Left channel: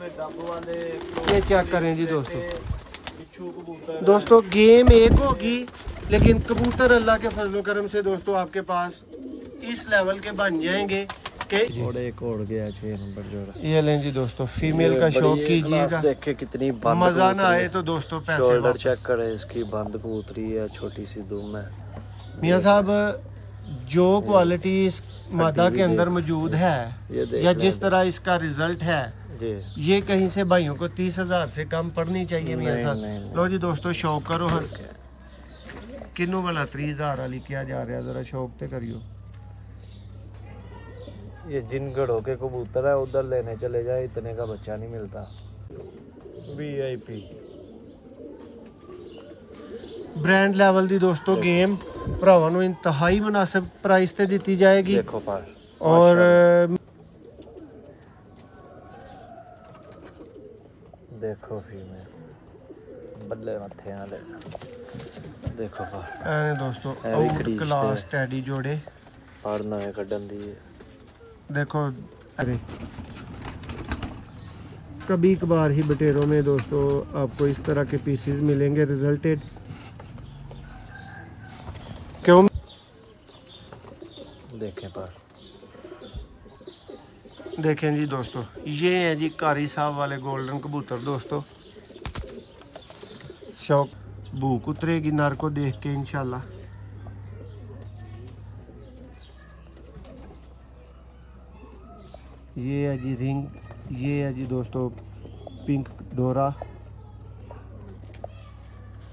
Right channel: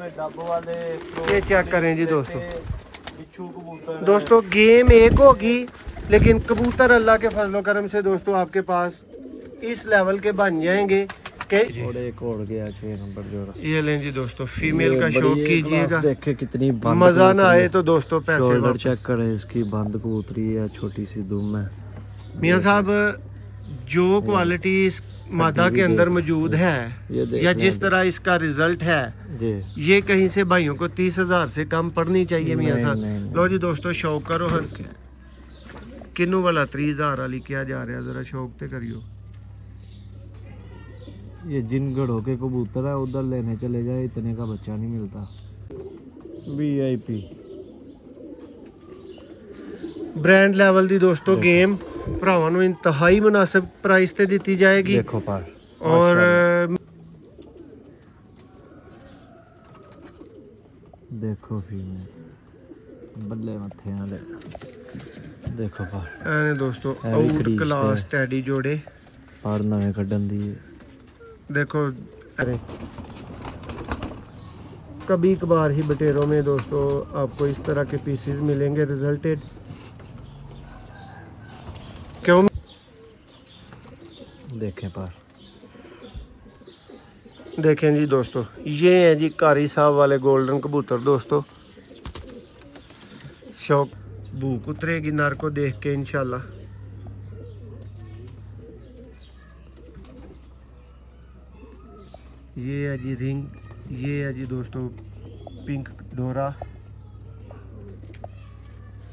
ये चेक करें जी दोस्तों। दोस्तों गेम एक होगी लेकिन कबूतर अल्लाह के फजलो करम से दोस्तों आपके पास इस लेवल के बन जाएंगे कि एक और गया 6 नंबर जोड़ा। ये लें जी दोस्तों, फीमेल का शौक कीजिएगा। देखे कितनी मजा ना आए तो दोस्तों पैसे वापस। चेक करें इसकी बंद कबूतरी है, छोटी सी दुम है। मियां साहब जो क्वालिटी इस मादा के अंदर मौजूद है या जिस तरह इसका रिजल्ट है ये कहीं से भाइयों को 30,000 से कम पड़नी चाहिए मियां साहब। लो जी दोस्तों शौक करो, हर किन्नू वाला 30,000 वाली किया जा रहा है, जरा शौक ते करियो। ये जिन गढ़ों के कबूतर है उधर लेने चले जाए, इतने का बच्चा नहीं मिलता। VIP ब्रांड लेवल दी दोस्तों गेम भरावां नूं इंतहाई मुनासिब प्राइस ते दी जाएगी। और देखो फीमेल बल्ले मथे वाले देखो पर दोस्तों आउट क्लास टैडी जोड़े और नवे कड्डन दी देखो। कभी कभार ही बटेरों में दोस्तों आपको इस तरह के पीसेस मिलेंगे रिजल्टेड। क्यों देखें जी दोस्तों, ये है जी कारी साहब वाले गोल्डन कबूतर दोस्तों। शौक भूख उतरेगी नर को देख के इंशाल्लाह। ये है जी रिंग, ये है जी दोस्तों पिंक डोरा,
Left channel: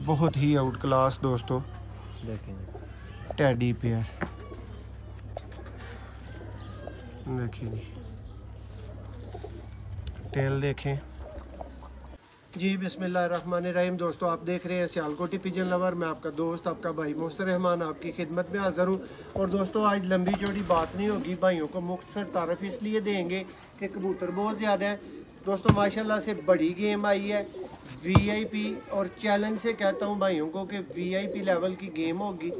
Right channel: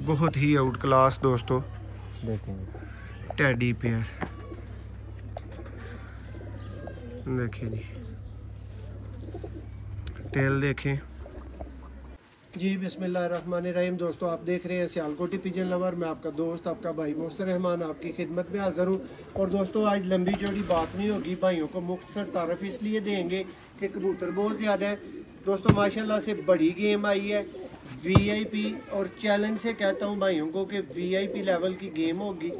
बहुत ही आउट क्लास दोस्तों। देखेंगे टैडी पेयर देखिए जी, टेल देखें जी। बिस्मिल्लाहिर्रहमानिर्रहीम दोस्तों, आप देख रहे हैं सियालकोटी पिजन लवर। मैं आपका दोस्त आपका भाई मोहसिन रहमान आपकी खिदमत में हाज़िर हूँ। और दोस्तों आज लंबी चौड़ी बात नहीं होगी, भाइयों को मुख्तसर तारफ़ इसलिए देंगे कि कबूतर बहुत ज़्यादा है दोस्तों। माशाल्लाह से बड़ी गेम आई है VIP, और चैलेंज से कहता हूँ भाइयों को कि VIP लेवल की गेम होगी,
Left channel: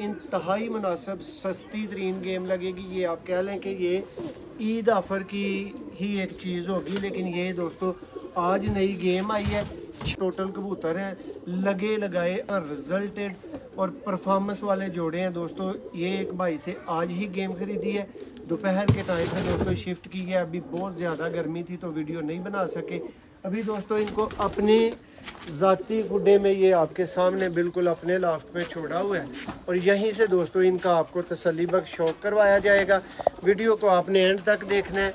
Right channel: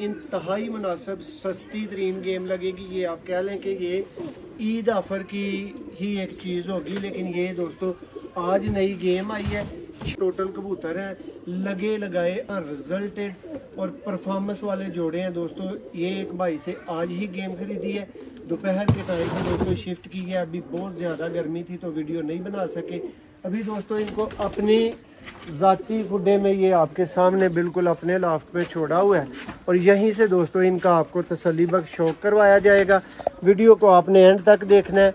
इंतहाई मुनासिब सस्ती तरीन गेम लगेगी। ये आप कह लें कि ये ईद ऑफर की ही एक चीज़ होगी। लेकिन ये दोस्तों आज नई गेम आई है, टोटल कबूतर है लगे लगाए रिजल्टेड और परफॉर्मेंस वाले जोड़े हैं दोस्तों। ये एक भाई से आज ही गेम खरीदी है, दोपहर के टाइम पे दोस्तों शिफ्ट की है। अभी बहुत ज़्यादा गर्मी थी तो वीडियो नहीं बना सके। अभी दोस्तों इनको अपने ज़ाती गुड्डे में ये आपके सामने बिल्कुल अपने लाफ्ट पे छोड़ा हुआ है, और यहीं से दोस्तों इनका आपको तसल्ली बख्श शौक करवाया जाएगा। वीडियो को आपने एंड तक देखना है,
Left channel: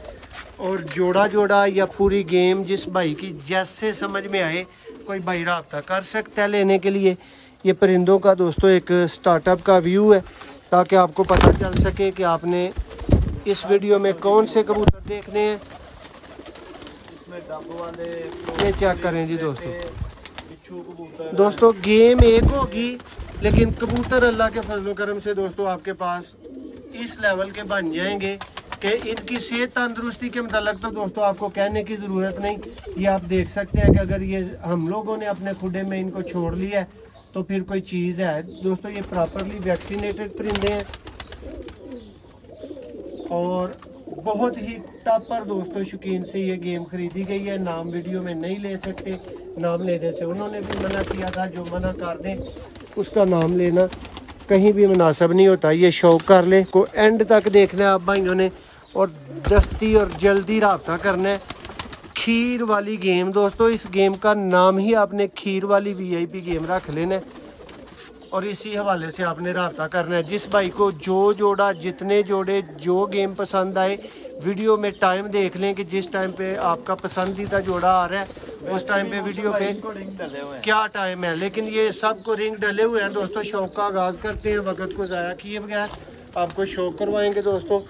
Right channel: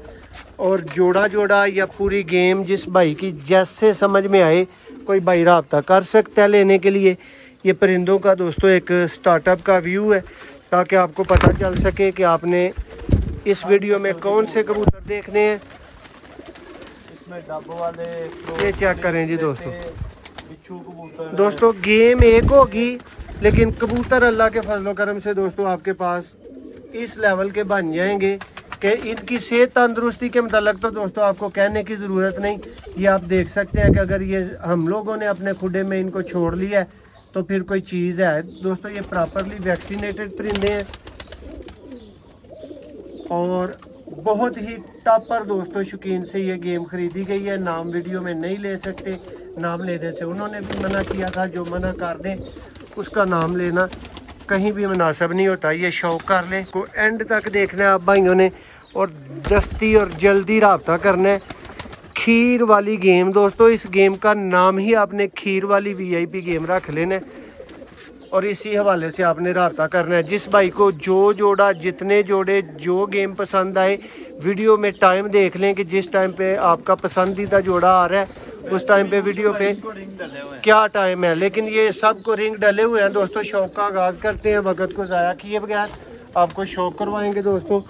और जोड़ा जोड़ा या पूरी गेम जिस भाई की जैसे समझ में आए कोई भाई राब्ता कर सकता है लेने के लिए। ये परिंदों का दोस्तों एक स्टार्टअप का व्यू है, ताकि आपको पता चल सके कि आपने इस वीडियो में कौन से कबूतर देखने हैं। ये चेक करें जी दोस्तों गेम एक होगी लेकिन कबूतर अल्लाह के फजलो करम से दोस्तों आपके पास इस लेवल के बन जाएंगे कि इनकी सेहत तंदुरुस्ती के मतलब तो दोस्तों आपको कहने की ज़रूरत नहीं। ये आप देख सकते हैं कि अगर ये हम लोगों ने अपने खुडे में इनको छोड़ लिया है तो फिर कोई चीज़ है दोस्तों। ये प्रॉपरली वैक्सीनेटेड परिंदे हैं और बहुत ही टॉपर दोस्तों शौकीन से ये गेम खरीदी गई है। नाम वीडियो में नहीं ले सकते, नाम लेने से उन्होंने भी मना किया था। जो मना कर दें उसका नाम लेना कहीं भी मुनासिब नहीं होता। ये शौक कर लें, को एंड तक देखना है आप भाइयों ने, और दस्ती और जल्दी रब्ता करना है। खीर वाली गेम दोस्तों, इस गेम का नाम ही आपने खीर वाली VIP गेम रख लेना है, और इसी हवाले से आपने रब्ता करना है। जिस भाई को जो जोड़ा, जितने जोड़े, जो गेम पसंद आए, वीडियो में टाइम देख लें कि जिस टाइम पे आपका पसंदीदा जोड़ा आ रहा है उस टाइम पे वीडियो पे क्या टाइम है। लेकिन ये सब को रिंग डले हुए हैं दोस्तों। शौक का आगाज़ करते हैं, वक्त को ज़ाया किए बगैर आपको शौक करवाएंगे दोस्तों।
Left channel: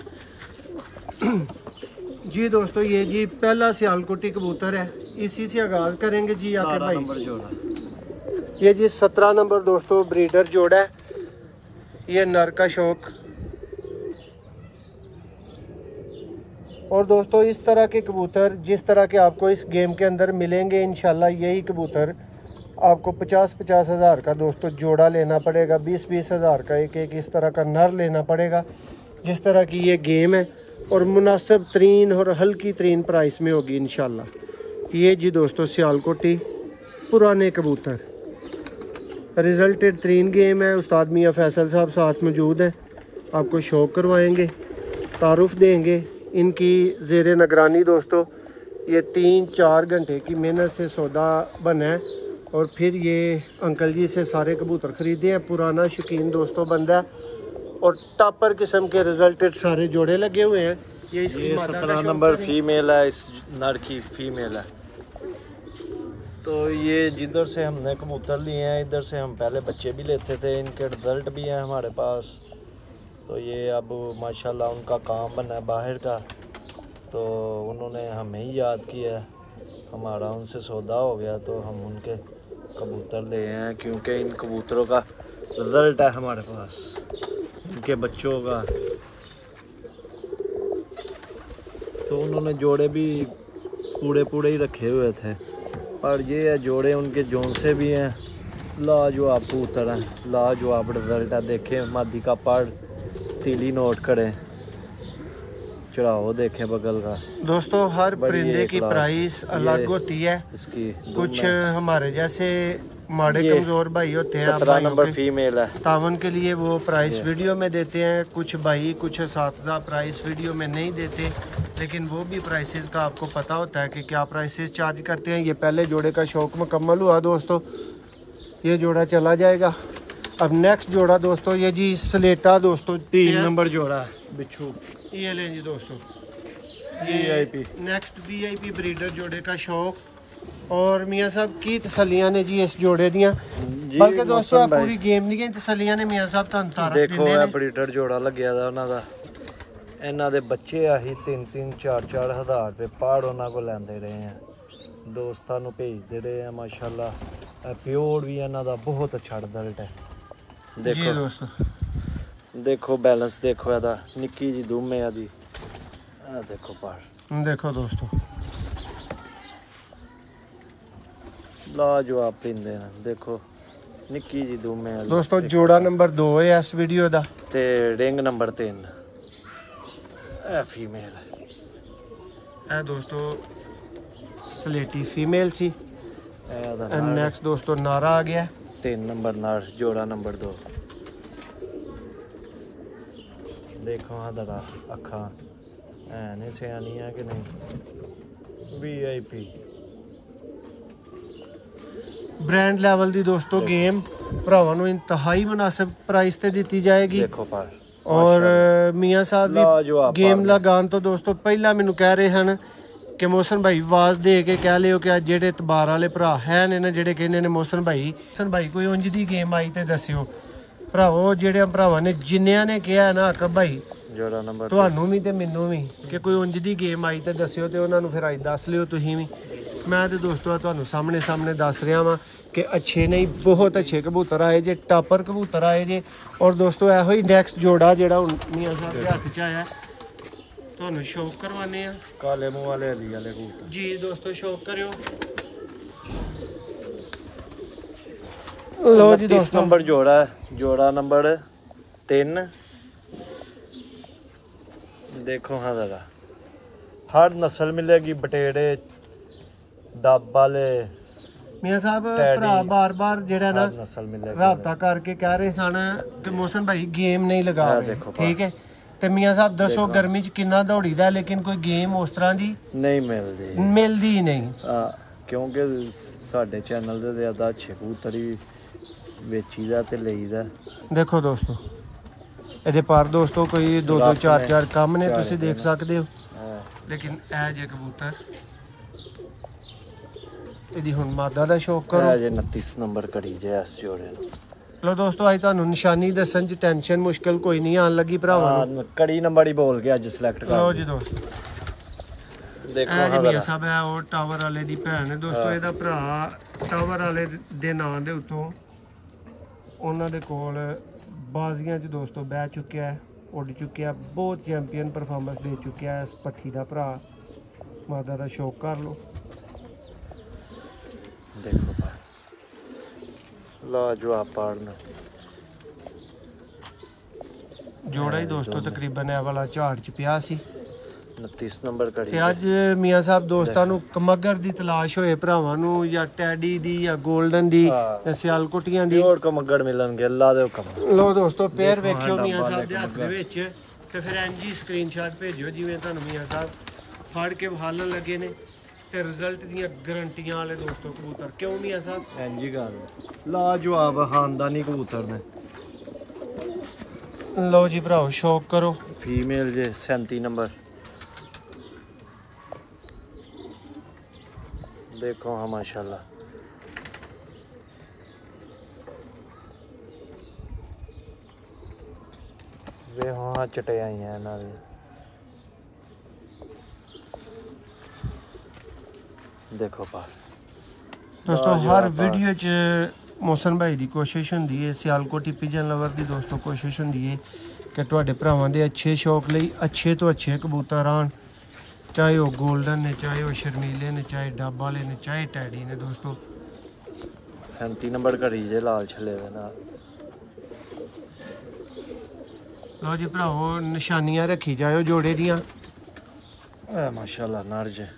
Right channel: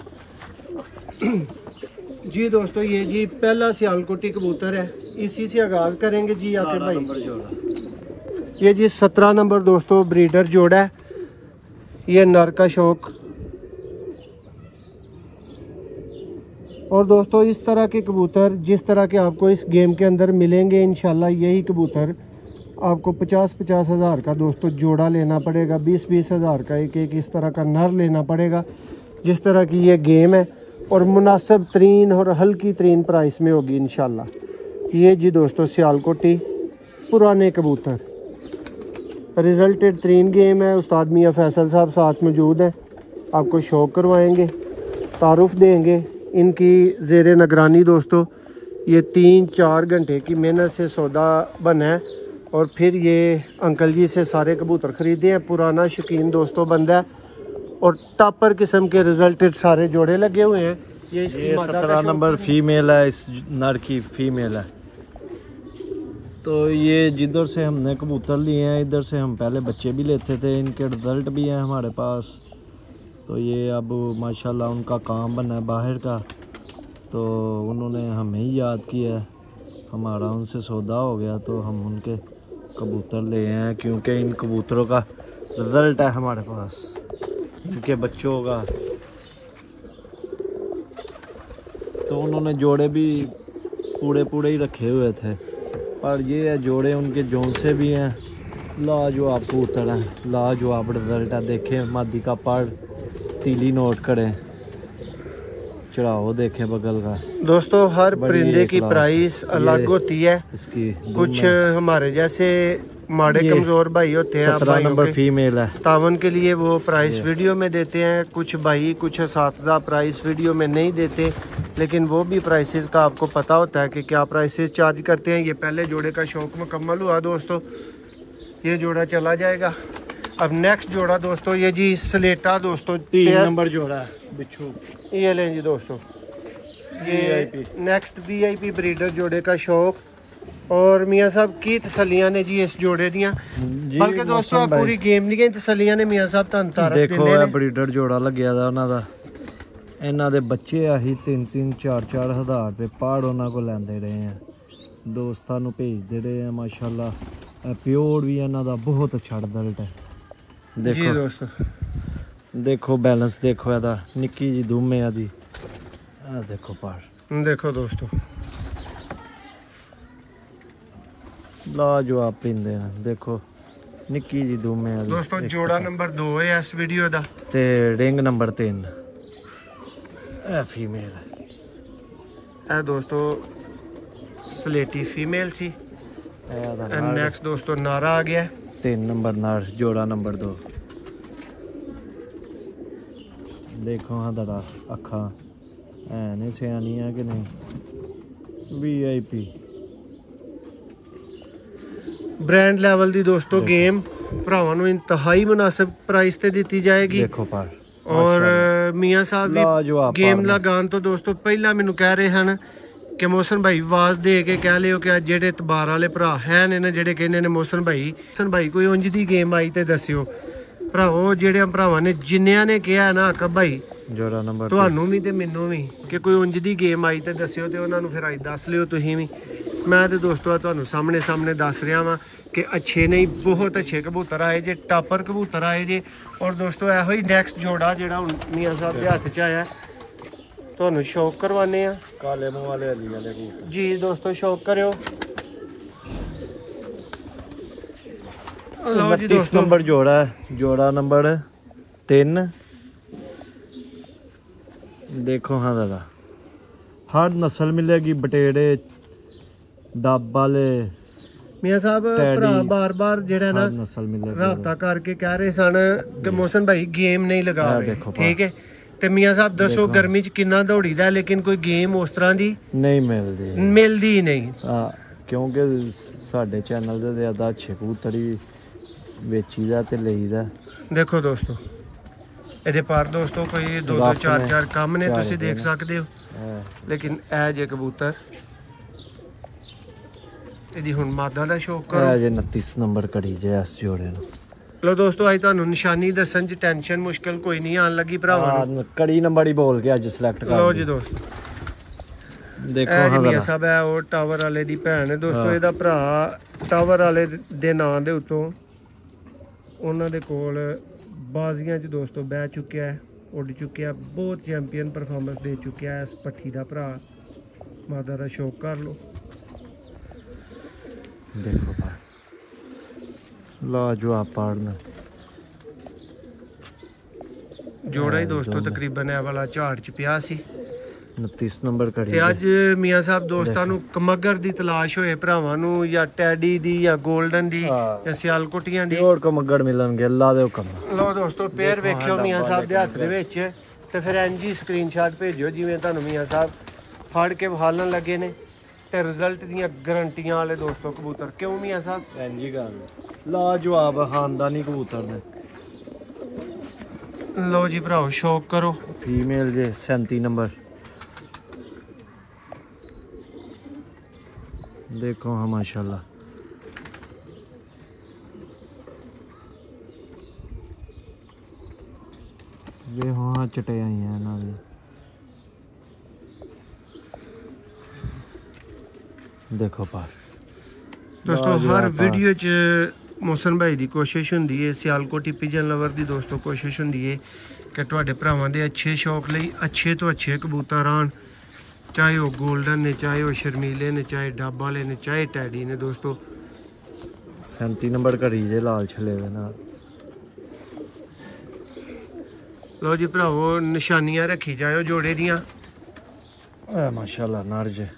जी दोस्तों ये जी पहला सियालकोटी कबूतर है, इसी से आगाज़ करेंगे जी आके भाई। ये जी 17 नंबर दोस्तों ब्रीडर जोड़ा है, ये नर का शौक। और दोस्तों इस तरह के कबूतर जिस तरह के आपको इस गेम के अंदर मिलेंगे इंशाल्लाह यही कबूतर आपको 50-50 हज़ार का दोस्तों जोड़ा लेना पड़ेगा, 20-20 हज़ार का एक इस तरह का नर लेना पड़ेगा। जिस तरह की ये गेम है और मुनासिब तरीन और हल्की तरीन प्राइस में होगी इंशाल्लाह। ये जी दोस्तों सियालकोटी पुराने कबूतर, रिजल्टेड 3 गेम है। उस्ताद मियाँ फैसल साहब साथ मौजूद हैं, आपको शौक करवाएंगे, तारुफ देंगे। इनकी ज़ेर निगरानी दोस्तों ये 3-4 घंटे की मेहनत से सौदा बना है और फिर ये अंकल जी से सारे कबूतर ख़रीदे हैं। पुराना शौकीन दोस्तों बंदा है और टॉपर किस्म के रिजल्टेड सारे जोड़े लगे हुए हैं। ये 17 नंबर फीमेल है, इस नर की फीमेल है। तो ये जिधर से हमने कबूतर लिए हैं इधर से हम पहले बच्चे भी लेते थे, इनके रिज़ल्ट भी हैं हमारे पास। तो ये अब माशाल्लाह उनका काम बना है बाहर का, तो उन्होंने हमें ही याद किया, हमारा उनसे सौदा हो गया तो हम उनके कबूतर ले हैं, क्योंकि इन कबूतरों का रिज़ल्ट है हमारे पास, इनके बच्चों का। तो उन्होंने जोड़े भी पूरे ही रखे हुए थे, पर ये है जोड़े उनके जोन से भी हैं, लाजवाब कबूतर हैं, लाजवाब रिज़ल्ट है। देखें मादी का पड़, तीली नोट करें, चढ़ाओ देखें बगल का। दोस्तों हर परिंदे की प्राइस अलग होती है, इसकी कुछ हमारे जैसे माड़े कमज़ोर भाई होते हैं, आप भाइयों के फीमेल है तावन के लिए वो प्राइस वीडियो में देते हैं। कुछ भाई कुछ असातिज़ा प्राइस वीडियो में नहीं देते, लेकिन वो भी प्राइसेस का आपको पता होता है कि क्या प्राइसेस चार्ज करते हैं। ये पहले जोड़े का शौक मुकम्मल हुआ दोस्तों, ये जोड़ा चला जाएगा। अब नेक्स्ट जोड़ा दोस्तों ये जी स्लेटा दोस्तों 3 नंबर जोड़ा बिच्छू, ये लें जी दोस्तों, ये नेक्स्ट VIP ब्रीडर जोड़े का शौक। और मियाँ साहब की तसलियां ने जी इस जोड़े दियां, बल्कि दोस्तों आप पूरी गेम दी गई तसलियां ने मियाँ साहब तुहानू तारफ दिंदे ने। ब्रीडर जोड़ा लग्या दा उन्हां दा, इन्हां दे बच्चे आही 3-3 4-4 हज़ार रुपये पहाड़ उन्हां को लैंदे रहे हैं, दोस्तां नू भेजदे रहे हैं माशाल्लाह। प्योर भी इन्हां दा बहुत अच्छा रिजल्ट है। जी दोस्तों देखो बैलेंस देखो इहदा, निक्की जी दुम है आदी, देखो पहाड़ देखो दोस्तों लाजवाब पिंदे ने, देखो निक्की जी दुम है दोस्तों। जोड़ा नंबर 2 है इस वीडियो दा, ते रिंग नंबर 3 ए फीमेल है दोस्तों, स्लेटी फीमेल सी। नेक्स्ट दोस्तों नारा आ गया 3 नंबर नार, जोड़ा नंबर 2। देखो हाँ दड़ा अखा है नहीं सियानी है कि नहीं, VIP ब्रांड लेवल दी दोस्तों गेम भरावां नू इंतहाई मुनासिब प्राइस ते दी जाएगी। और मियाँ साहब भी गेम लगान तो दोस्तों पहला मैनू कह रहे हैं कि मोहसन भाई आवाज़ दे के कह लियो कि जेडे इतबार वाले भरा है ने ना जेडे कहने ने मोहसन भाई कोई उंज दी गेम आई ते दस्सियो। भरावो जेडे भरावां ने जिन्नियां ने कहा है ना अकब भाई तुहानू भी ते मैनू भी कि कोई उंज दी गेम आई ते दस्सियो, ते उन्हां नू फिर अज दस लियो तुसीं भी। मैं तो दोस्तों तुहानू सामने दस रहा वां कि अच्छे नहीं बहुत अच्छे कबूतर आए जे, टापर कबूतर आए जे। और दोस्तों एहो ही नैक्सट जोड़ा जेड़ा हुण मियाँ साहब के हत्थ च आया तुहानू शौक करवाने आ, काले मुंह वाले अली वाले कबूतर जी दोस्तों शौक करियो। लो जी दोस्तों नंबर जोड़ा है, जोड़ा नंबर 3। देखो हाँ जरा हर नस्ल मिलेगी, बटेड़े डब वाले। मियाँ साहब भरा बार जेड़ा ना नस्ल मिलेगी, राबता करके कह रहे सन कि मोहसन भाई गेम नहीं लगा रहे, ठीक है। ते मियाँ साहब दसो गर्मी च किन्ना दौड़ी दा, लेकिन कोई गेम उस तरह दी नहीं मिलदी ही नहीं, क्योंकि साडे चैनल दे ज़्यादा अच्छे कबूतर ही बेचीदा ते लईदा। देखो दोस्तों ਇਹਦੇ पर दोस्तों कोई 2-2 4-4 कम ने तुसी देख सकते हो, लेकिन ए जे कबूतर ਇਹਦੀ ਹੁਣ ਮਾਦਾ ਦਾ ਸ਼ੌਕ ਕਰੋ। ਜੇ 29 ਨੰਬਰ ਕੜੀ ਜੇ ਇਸ ਜੋੜੇ ਨੂੰ। ਲੋ ਦੋਸਤੋ ਅੱਜ ਤੁਹਾਨੂੰ ਨਿਸ਼ਾਨੀ ਦੱਸਣ ਚ ਟੈਨਸ਼ਨ ਮੁਸ਼ਕਲ ਕੋਈ ਨਹੀਂ ਆਣ ਲੱਗੀ ਭਰਾਵਾਂ ਨੂੰ। ਕੜੀ ਨੰਬਰ ਹੀ ਬੋਲ ਕੇ ਅੱਜ ਸਿਲੈਕਟ ਕਰ ਲਓ ਜੀ ਦੋਸਤੋ ਦੇਖੋ ਇਹ ਜੀ ਮੀਆਂ ਸਾਹਿਬ ਹੈ ਉਹ ਟਾਵਰ ਵਾਲੇ ਦੀ ਭੈਣ ਹੈ ਦੋਸਤੋ, ਇਹਦਾ ਭਰਾ ਟਾਵਰ ਵਾਲੇ ਦੇ ਨਾਂ ਦੇ ਉੱਤੋਂ ਉਹਨਾਂ ਦੇ ਕੋਲ ਬਾਜ਼ੀਆਂ 'ਚ ਦੋਸਤੋ ਬਹਿ ਚੁੱਕਿਆ ਹੈ, ਉੱਡ ਚੁੱਕਿਆ, ਬਹੁਤ ਚੈਂਪੀਅਨ ਪਰਫਾਰਮੈਂਸ ਦੇ ਚੁੱਕਿਆ ਹੈ। ਇਸ ਪੱਠੀ ਦਾ ਭਰਾ ਮਾਦਾ ਦਾ ਸ਼ੌਕ ਕਰ ਲਓ। देखो लाजवाब पाड़ना जोड़ा ही दोस्तों तकरीबन ए वाला झाड़ च पिया सी, 29 ਨੰਬਰ ਘੜੀ ਤੇ ਅੱਜ ਮੀਆਂ ਸਾਹਿਬ ਦੋਸਤਾਂ ਨੂੰ ਕਮਗਰ ਦੀ ਤਲਾਸ਼ ਹੋਏ ਭਰਾਵਾਂ ਨੂੰ ਜਾਂ ਟੈਡੀ ਦੀ ਜਾਂ 골ਡਨ ਦੀ ਜਾਂ ਸਿਆਲਕੋਟੀਆਂ ਦੀ ਹੋਰ ਕਮਗੜ ਮਿਲਣਗੇ ਅੱਲਾ ਦੇ ਹੁਕਮ ਨਾਲ। ਲੋ ਦੋਸਤੋ ਪੇਅਰ ਵੇਖਿਓ ਮੀਆਂ ਸਾਹਿਬ ਦੇ ਹੱਥ ਦੇ ਵਿੱਚ ਤੇ ਫਿਰ ਐਨਜੀ ਸਕਰੀਨਸ਼ਾਟ ਭੇਜਿਓ ਜਿਵੇਂ ਤੁਹਾਨੂੰ ਮੀਆਂ ਸਾਹਿਬ ਫੜ ਕੇ ਵਿਖਾਲਣ ਲੱਗੇ ਨੇ ਤੇ ਰਿਜ਼ਲਟ ਦੀਆਂ ਗਰੰਟੀਆਂ ਵਾਲੇ ਦੋਸਤੋ ਕਬੂਤਰ। ਕਿਉਂ ਮੀਆਂ ਸਾਹਿਬ? ਐਨਜੀ ਗੱਲ ਲਾਜਵਾਬ ਖਾਨਦਾਨੀ ਕਬੂਤਰ ਨੇ। ਲਓ ਜੀ ਭਰਾਓ ਸ਼ੌਕ ਕਰੋ। ਫੀਮੇਲ ਜੇ 37 ਨੰਬਰ देखो। हाँ माशाल्लाह वे हाँ चटे आई हैं ना देखो पर दोस्तों हर वीडियो च मोहसन भाई की कोशिश होंदी है सियालकोटी पिजन लवर की दोस्तों कोशिश होंदी है कि तुहाडे भरावां दे अच्छे शौक लई अच्छे तो अच्छे कबूतर आन, चाहे वो गोल्डन ने, चाहे वो शर्मीले ने, चाहे डब वाले ने, चाहे टैडी ने। दोस्तों 37 नंबर घड़ी जे लाल छले दे नाल। लो जी भरावो निशानियां रखी जाओ जोड़े दियां। माशाल्लाह नर जे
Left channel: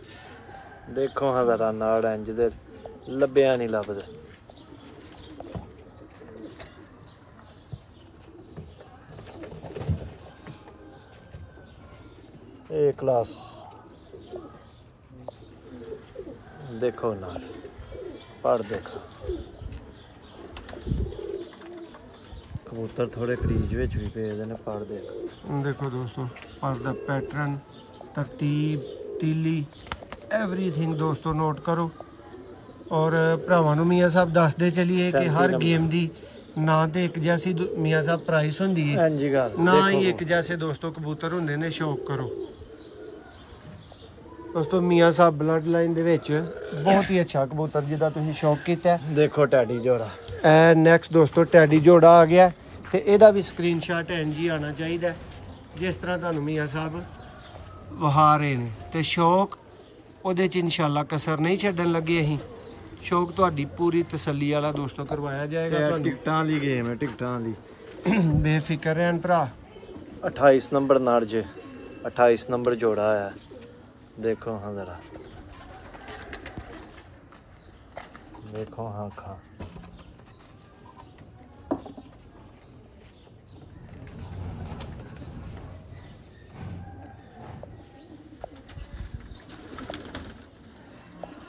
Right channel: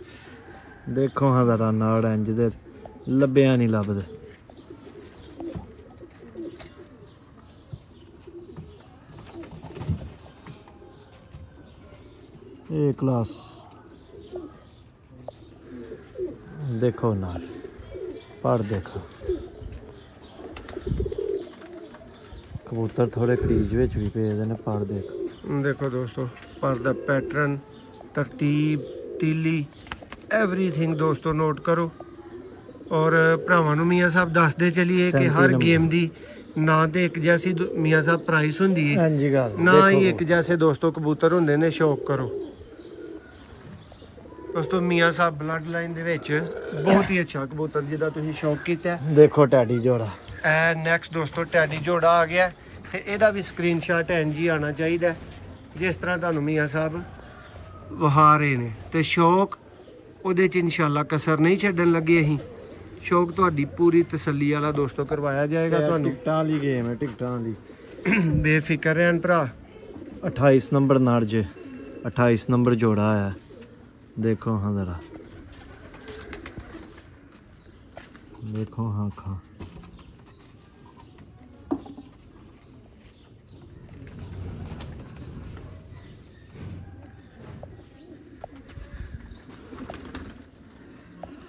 देखो हाँ जरा नाड़ इंज दे लब्बिया नहीं लभदे। ए क्लास देखो नार पर देखो कबूतर थोड़े क्रीज विच भी पे ने पर देखो दोस्तों पर दा पैटर्न तरतीब तीली एवरीथिंग दोस्तों नोट करो। और भरावां नूं मियां साहब दसदे चलिए कि हर गेम दी ना तो एक जैसी मियां साहब प्राइस होंदी है ना ही एक जैसे दोस्तों कबूतर होंदे ने। शौक करो दोस्तों मियां साहब ब्लड लाइन दे विच बहुत ही अच्छा कबूतर जिहदा तुसीं शौक कीता। देखो टैडी जोड़ा ए नैक्सट दोस्तों टैडी जोड़ा आ गया ते इहदा भी स्क्रीनशॉट एनजी आना चाहिए जिस तरह तुहानूं मियां साहब वहा रहे ने। ते शौक उहदे च इंशाअल्लाह कसर नहीं छड्डन लगे। अहीं शौक तुहाडी पूरी तसल्ली वाला दोस्तों करवाया जाएगा। तुहानूं टिकटां वाली गेम है, टिकटां वाली बेफिक्र रहन भरा। 28 नंबर नार जे 28 नंबर जोड़ा है देखो। हाँ जरा देखो हाँ खा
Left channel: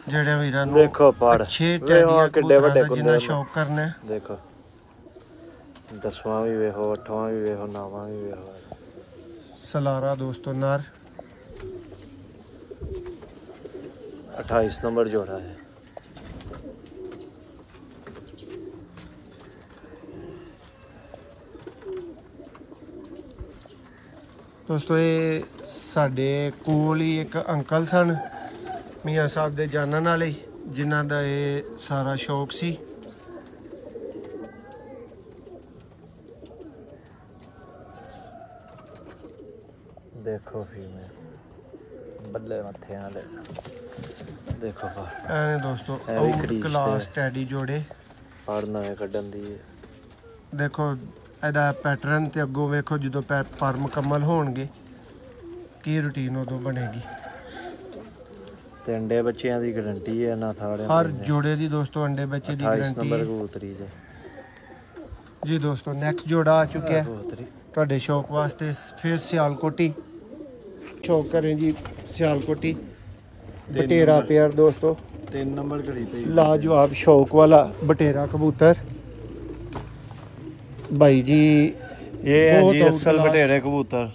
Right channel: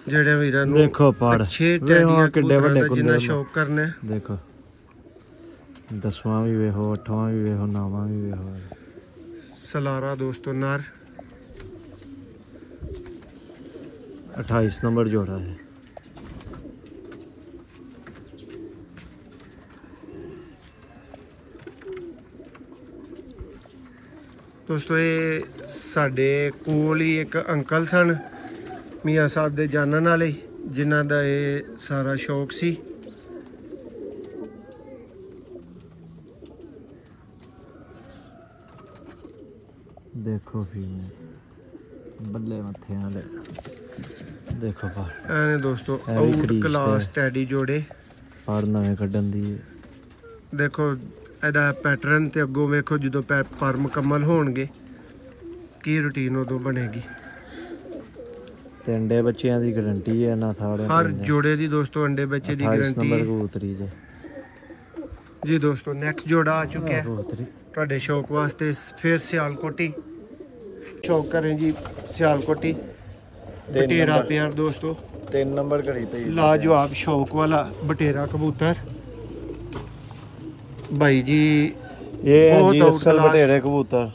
जेड़े वीरां नूं देखो पर अच्छे टैडियां कबूतरां दा जिन्ना शौक करना है। देखो 10वां भी वेखो 8वां भी वेखो 9वां भी वेखो। सलारा दोस्तों नर 28 नंबर जोड़ा है। दोस्तों ये साडे कोल ही एक अंकल सन मियां साहब दे जानन वाले जिन्हां दा ये सारा शौक सी। देखो फीमेल बल्ले मथे वाले देखो पर एने दोस्तों आउट क्लास टैडी जोड़े पर नवे कड्डन दी। देखो ਇਹਦਾ पैटर्न ਤੇ ਅੱਗੋਂ ਵੇਖੋ ਜਦੋਂ ਪਰ ਮੁਕੰਮਲ ਹੋਣਗੇ ਕੀ ਰੁਟੀਨ ਉਦੋਂ ਬਣੇਗੀ। ਤੇ ਅੰਡੇ ਬੱਚਿਆਂ ਦੀ ਗਾਰੰਟੀ ਹੈ ਨਾ ਥਾੜੇ ਹਰ ਜੋੜੇ ਦੀ ਦੋਸਤੋ ਅੰਡੇ ਬੱਚੇ ਦੀ ਗਾਰੰਟੀ ਹੈ। ਕਬੂਤਰੀ ਜੀ ਦੋਸਤੋ ਨੈਕਸਟ ਜੋੜਾ ਆ ਚੁੱਕਿਆ ਤੁਹਾਡੇ ਸ਼ੌਕ ਵਾਸਤੇ ਫਿਰ ਸਿਆਲਕੋਟੀ शौक करें जी सियालकोटी बटेरा पेयर दोस्तों 3 नंबर घड़ी पे लाजवाब शौक वाला बटेरा कबूतर भाई जी ये बहुत असल बटेरे कबूतर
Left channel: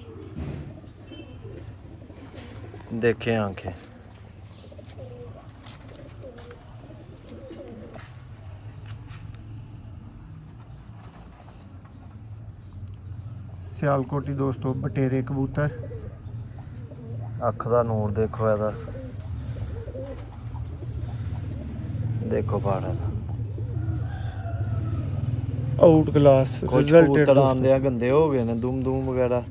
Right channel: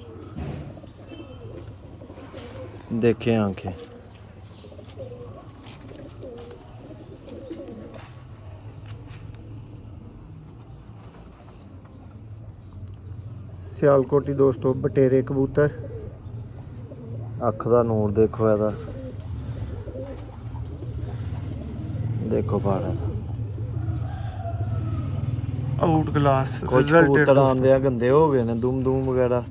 देखे आंखें सियालकोटी दोस्तों बटेरे कबूतर अख का नूर देखो एदा देखो बाड़ा आउट क्लास कुछ कबूतर आंदे गंदे हो गए ने दुम दुम वगैरह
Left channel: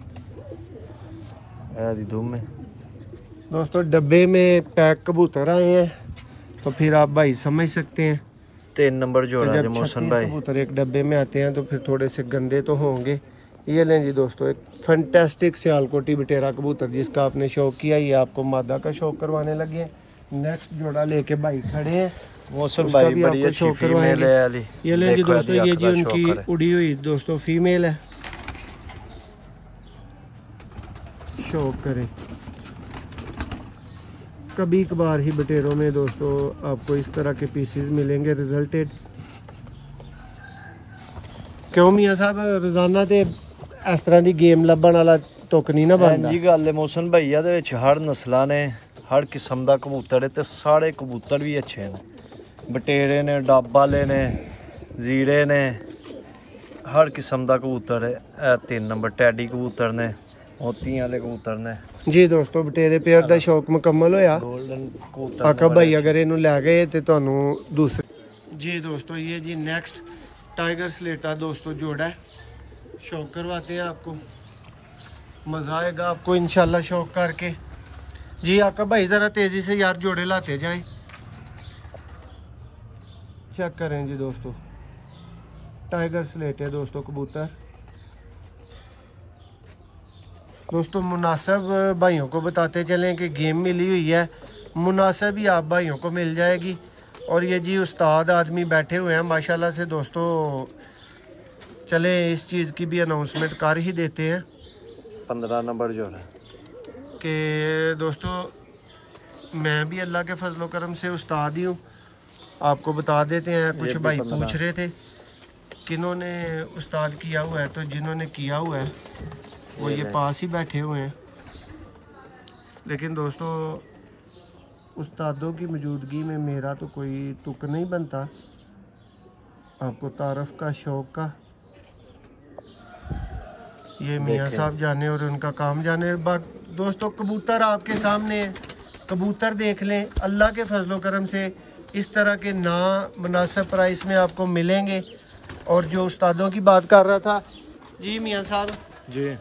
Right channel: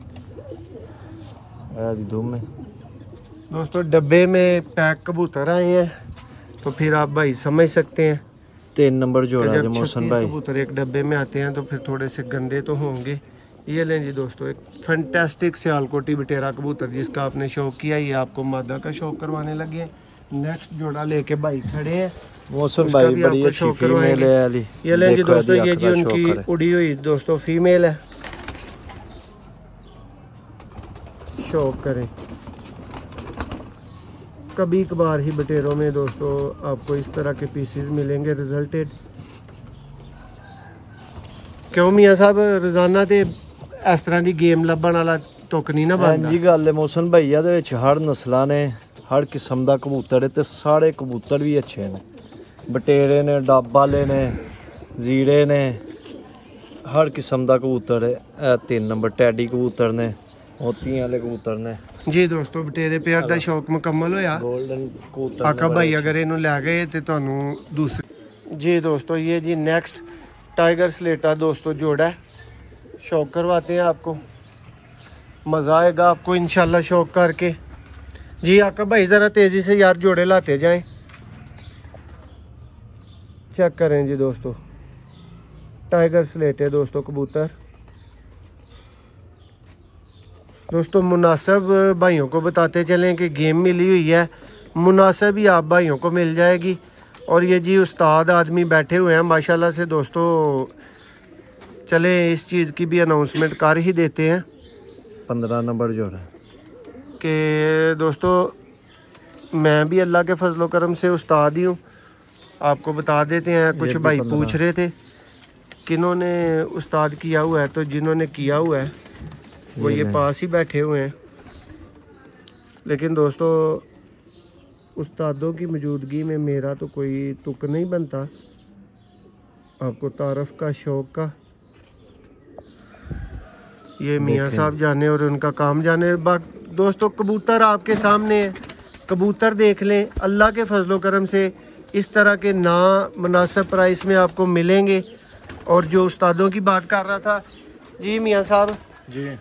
दी दुम है दोस्तों डब्बे में पैक कबूतर आए हैं तो फिर आप भाई समझ सकते हैं 3 नंबर जोड़ा जब 36 कबूतर एक डब्बे में आते हैं तो फिर थोड़े से गंदे तो होंगे ये लें जी दोस्तों, एक फैंटास्टिक सियालकोटी बटेरा कबूतर जिसका आपने शौक किया, ये आपको मादा का शौक करवाने लगे। नेक्स्ट जोड़ा लेके भाई खड़े हैं, मौसम भाई भी बड़ी आपको अच्छी शौक करवाएंगे। ये लें जी दोस्तों, ये जी उनकी उड़ी हुई दोस्तों फीमेल है, शौक करें। कभी कभार ही बटेरों में दोस्तों आपको इस तरह के पीसेस मिलेंगे रिजल्टेड। क्यों मियां साहब रोजाना ते इस तरह की गेम लभण वाला तुक नहीं ना बनता जी। गल है मौसम भैया दे विच हर नस्लां ने, हर किस्म का कबूतर है, ते सारे कबूतर भी अच्छे हैं। बटेरे ने, डब वाले ने, जीरे ने, हर किस्म का कबूतर है। 3 नंबर टैडी कबूतर ने, मोती वाले कबूतर ने। जी दोस्तों, बटेरे पेयर का शौक मुकम्मल होया। आका भाई अगर इनू लै गए तो तुहानू दूसरे। जी दोस्तों, ये जी नेक्स्ट टाइगर स्लेटा दोस्तों जोड़ा है, शौक करवाते हैं आपको, मज़ा आएगा आपको इंशाल्लाह शौक करके। जी आका भाई ज़रा तेज़ी से यार जोड़े लाते जाएं, चेक करें जी दोस्तों, टाइगर स्लेटे दोस्तों कबूतर। दोस्तों मुनासिब भाइयों को बताते चलें कि गेम मिली हुई है, मुनासिब ही आप भाइयों को मिल जाएगी। और ये जी उस्ताद आदमी बैठे हुए हैं माशाल्लाह से दोस्तों, चले इस चीज़ की भी अनाउंसमेंट कर ही देते हैं। 15 नंबर जोड़ा कि दोस्तों मैं भी अल्लाह के फजलो करम से उस्ताद ही हूँ, आपको बता देते हैं। कुछ भाई पूछ रहे थे किन्होंने उस्ताद किया हुआ है, तो जिन्होंने किया हुआ है वो ये पास ही बैठे हुए हैं। लेकिन दोस्तों उस्तादों की मौजूदगी में मेरा तो कोई तुक नहीं बनता, आपको तारफ़ का शौक का। ये मियाँ साहब जाने और उनका काम जाने। दोस्तों कबूतर आपके सामने है, कबूतर देख लें, अल्लाह के फजलो करम से इस तरह के ना मुनासिब प्राइस में आपको मिलेंगे। और जो उस्तादों की बात कर रहा था जी मियाँ साहब जी,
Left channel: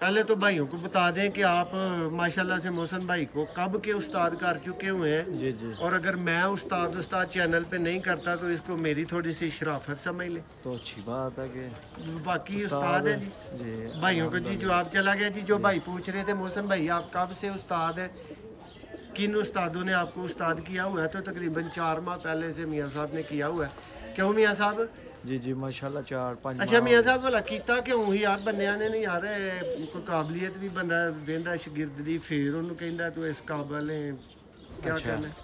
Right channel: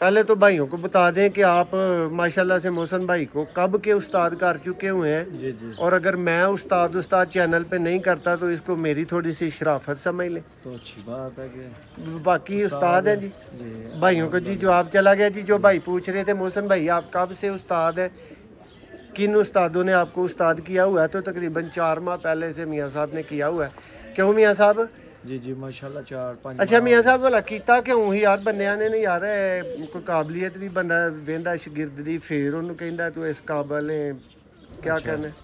पहले तो भाइयों को बता दें कि आप माशाल्लाह से मोहसन भाई को कब के उस्ताद कर चुके हुए हैं। जी जी। और अगर मैं उस्ताद चैनल पे नहीं करता तो इसको मेरी थोड़ी सी शराफत समझ लें, तो अच्छी बात है कि बाकी उस्ताद है जी। भाइयों को जी जवाब चला गया जी। जो भाई पूछ रहे थे मोहसन भाई आप कब से उस्ताद है, किन उस्तादों ने आपको उस्ताद किया हुआ है, तो तकरीबन 4 माह पहले से मियाँ साहब ने किया हुआ है। क्यों मियाँ साहब? जी जी माशाल्लाह 4-5। अच्छा मियाँ साहब भला कीता क्यों ही यार, बंदियां ने नहीं यार कोई काबलियत भी बंदा वेंदा शागिर्द दी, फिर उन्होंने कहता तू इस काबल है, क्या कहना है?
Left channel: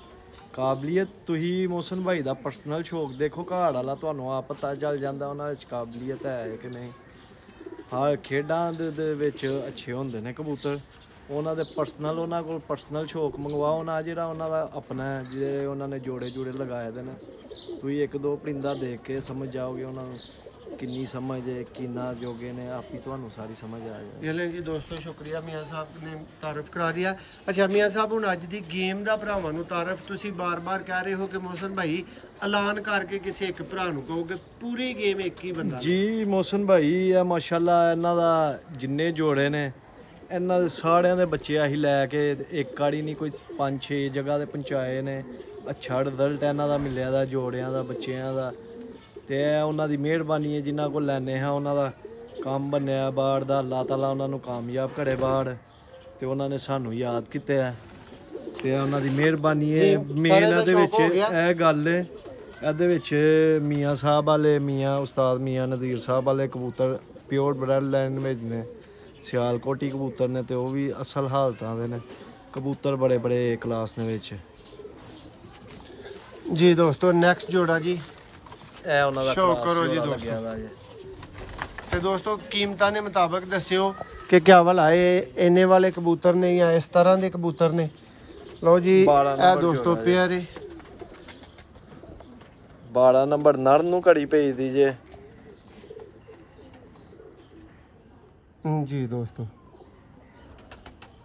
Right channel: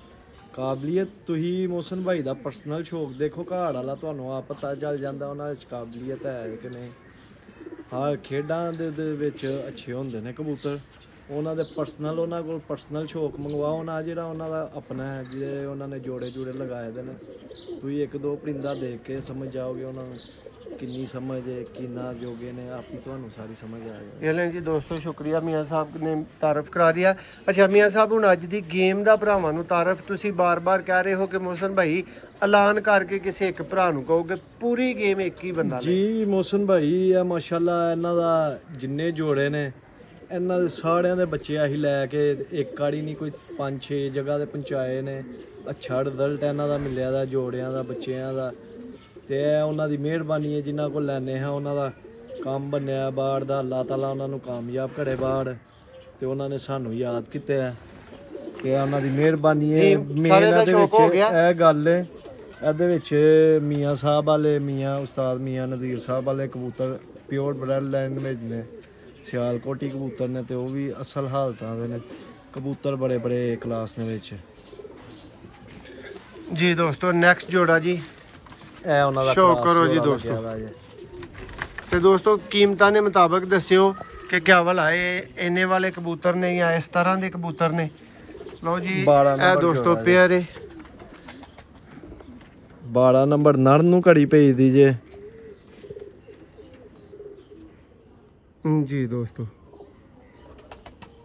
ਕਾਬਲੀਅਤ ਤੁਸੀਂ ਮੋਹਸਨ ਭਾਈ ਦਾ ਪਰਸਨਲ ਸ਼ੌਕ ਦੇਖੋ, ਘਾੜ ਵਾਲਾ ਤੁਹਾਨੂੰ ਆਪ ਪਤਾ ਚੱਲ ਜਾਂਦਾ ਉਹਨਾਂ ਵਿੱਚ ਕਾਬਲੀਅਤ ਹੈ ਕਿ ਨਹੀਂ। ਹਾਂ ਖੇਡਾਂ ਦੇ ਵਿੱਚ ਅੱਛੇ ਹੁੰਦੇ ਨੇ ਕਬੂਤਰ, ਉਹਨਾਂ ਦੇ ਪਰਸਨਲ, ਉਹਨਾਂ ਕੋਲ ਪਰਸਨਲ ਸ਼ੌਕ ਮੰਗਵਾਓ ਨਾ, ਜਿਹੜਾ ਉਹਨਾਂ ਦਾ ਆਪਣਾ ਜਿਹੜੇ ਉਹਨਾਂ ਨੇ ਜੋੜੇ ਲਗਾਏ ਦੇ ਨੇ। ਤੁਸੀਂ 1-2 ਪਰਿੰਦਾ ਦੇਖ ਕੇ ਸਮਝ ਜਾਓਗੇ ਉਹਨਾਂ ਨੂੰ किन्नी समझ है, किन्ना जोगे ने, आप ही तो सारी समझ आ जाए। ये लें जी दोस्तों, शुक्रिया मियाँ साहब ने तारफ करा दिया। अच्छा मियाँ साहब हुण अज दी गेम दा भरावां नूं तारफ तुसीं बार-बार कह रहे हो कि मोहसन भाई ऐलान करके किसी एक भरा नूं कहोगे, पूरी गेम एक ही बंदा जी। मोहसन भाई है माशाल्लाह, इन्हां दा जिन्ने जोड़े ने इन्हां दे सारियां दे बच्चे असीं लैके एक गाड़ी नहीं कोई 5-6 जगह ते पहुंचाए ने। अच्छा रिजल्ट इन्हां दा मिलिया दा जोड़ियां दा, बच्चियां दा, ते उन्हां दी मेहरबानी है जिन्हां को लैने हां उन्हां दा काम बन्निया बाड़ दा। अल्लाह ताला उन्हां नूं कामयाब करे बाड़, ते उन्हां ने सानू याद कीते है ते उन्हां दी मेहरबानी है। मेन इहदे विच इह गल है, इहदे विच मियाँ साहब वाले, मियाँ उस्ताद मियाँ नज़ीर साहब वाले कबूतर प्योर ब्रेड लैंड में ने, सियालकोटी कबूतर ने, ते ओह भी असल हालतां दे ने कबूतर, बड़े बड़े क्लास ने विच। जी दोस्तों नेक्स्ट जोड़ा जी शौक करो जी दोस्तों। तो दोस्तों कीमतां ने मुताबिक दस्यो कि क्या वाला है, इन्ने वाले कबूतर ने या इस तरह के कबूतर ने। लो जी ए दोस्तों पेयर है 12 नंबर नर नूं घड़ी भेज दीजिए। जी दोस्तों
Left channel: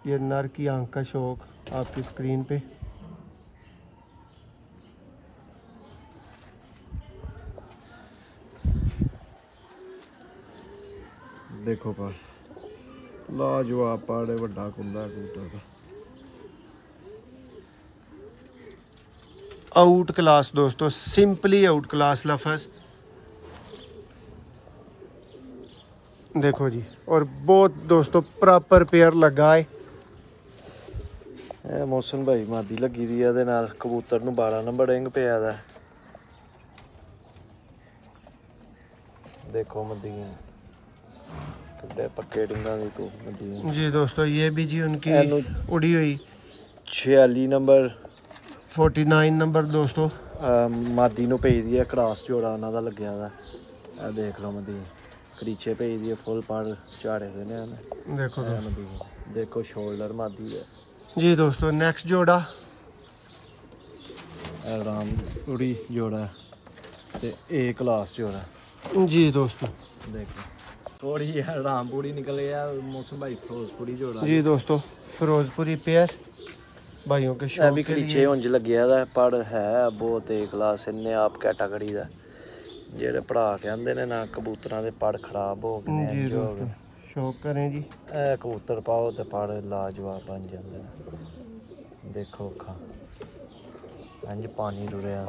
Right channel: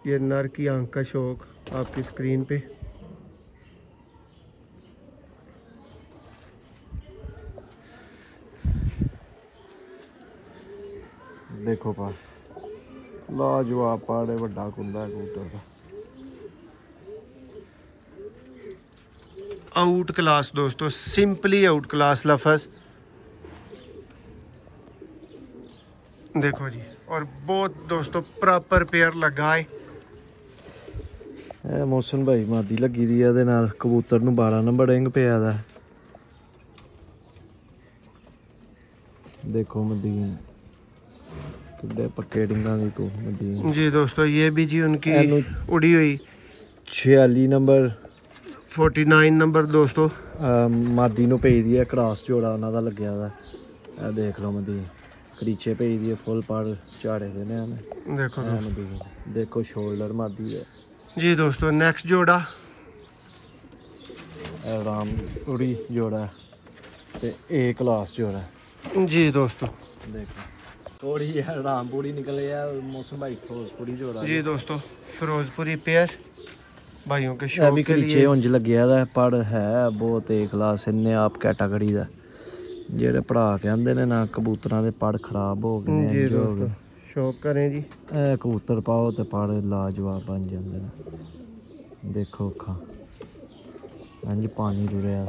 ये नर की आंख का शौक आपकी स्क्रीन पे। देखो पा लाजवाब पाड़े, वड्डा कुंदा कबूतर का, आउट क्लास दोस्तों, सिंपली आउट क्लास लफज। देखो जी, और बहुत दोस्तों प्रॉपर पेयर लगा है। ਇਹ ਮੋਸਨ ਭਾਈ ਮਾਦੀ ਲੱਗੀ ਦੀ ਆ, ਇਹਦੇ ਨਾਲ ਕਬੂਤਰ ਨੂੰ 12 ਨੰਬਰ ਰਿੰਗ ਪਿਆ ਦਾ। ਦੇਖੋ ਮਦੀਨ ਕਿੱਡੇ ਪੱਕੇ ਰਿੰਗਾਂ ਦੇ ਤੋਂ ਮਦੀਨ जी दोस्तों, ये भी जी उनकी उड़ी हुई 46 ਨੰਬਰ 49 नंबर दोस्तों ਮਾਦੀ ਨੂੰ ਪਈ ਦੀ ਹੈ। ਕ੍ਰਾਸ ਜੋੜਾ ਉਹਨਾਂ ਦਾ ਲੱਗਿਆ ਦਾ। ਇਹ ਦੇਖ ਲਓ ਮਦੀਨ ਕਰੀਚੇ ਪਈ ਦੀ ਹੈ, ਫੁੱਲ ਪੜ ਝਾੜੇ ਦੇ ਨੇ ਇਹਨੇ। देखो दोस्तों ਮਦੀਨ ਦੇਖੋ ਸ਼ੋਲਡਰ ਮਾਦੀ ਹੈ जी दोस्तों। नेक्स्ट जोड़ा राम उड़ी जोड़ा ते ए क्लास जोड़ा जी दोस्तों। देखो थोड़ी यार रामपुरी निकल गया। मौसम भाई फिरोजपुरी जोड़ा जी दोस्तों, फिरोजपुरी पेयर भाइयों के शौक भी के लिए नीचे उंज लग्या दा पढ़ है बहुत ए क्लास इन्ने आप कैटागरी दा जेड़े पढ़ा के आंदे ने ना कबूतरां दे पढ़ खराब हो गए जी दोस्तों। शौक करें जी, ए कबूतर पाओ ते पढ़ लाजवाब बन जांदे ने। देखो खा अंज पानी रुड़िया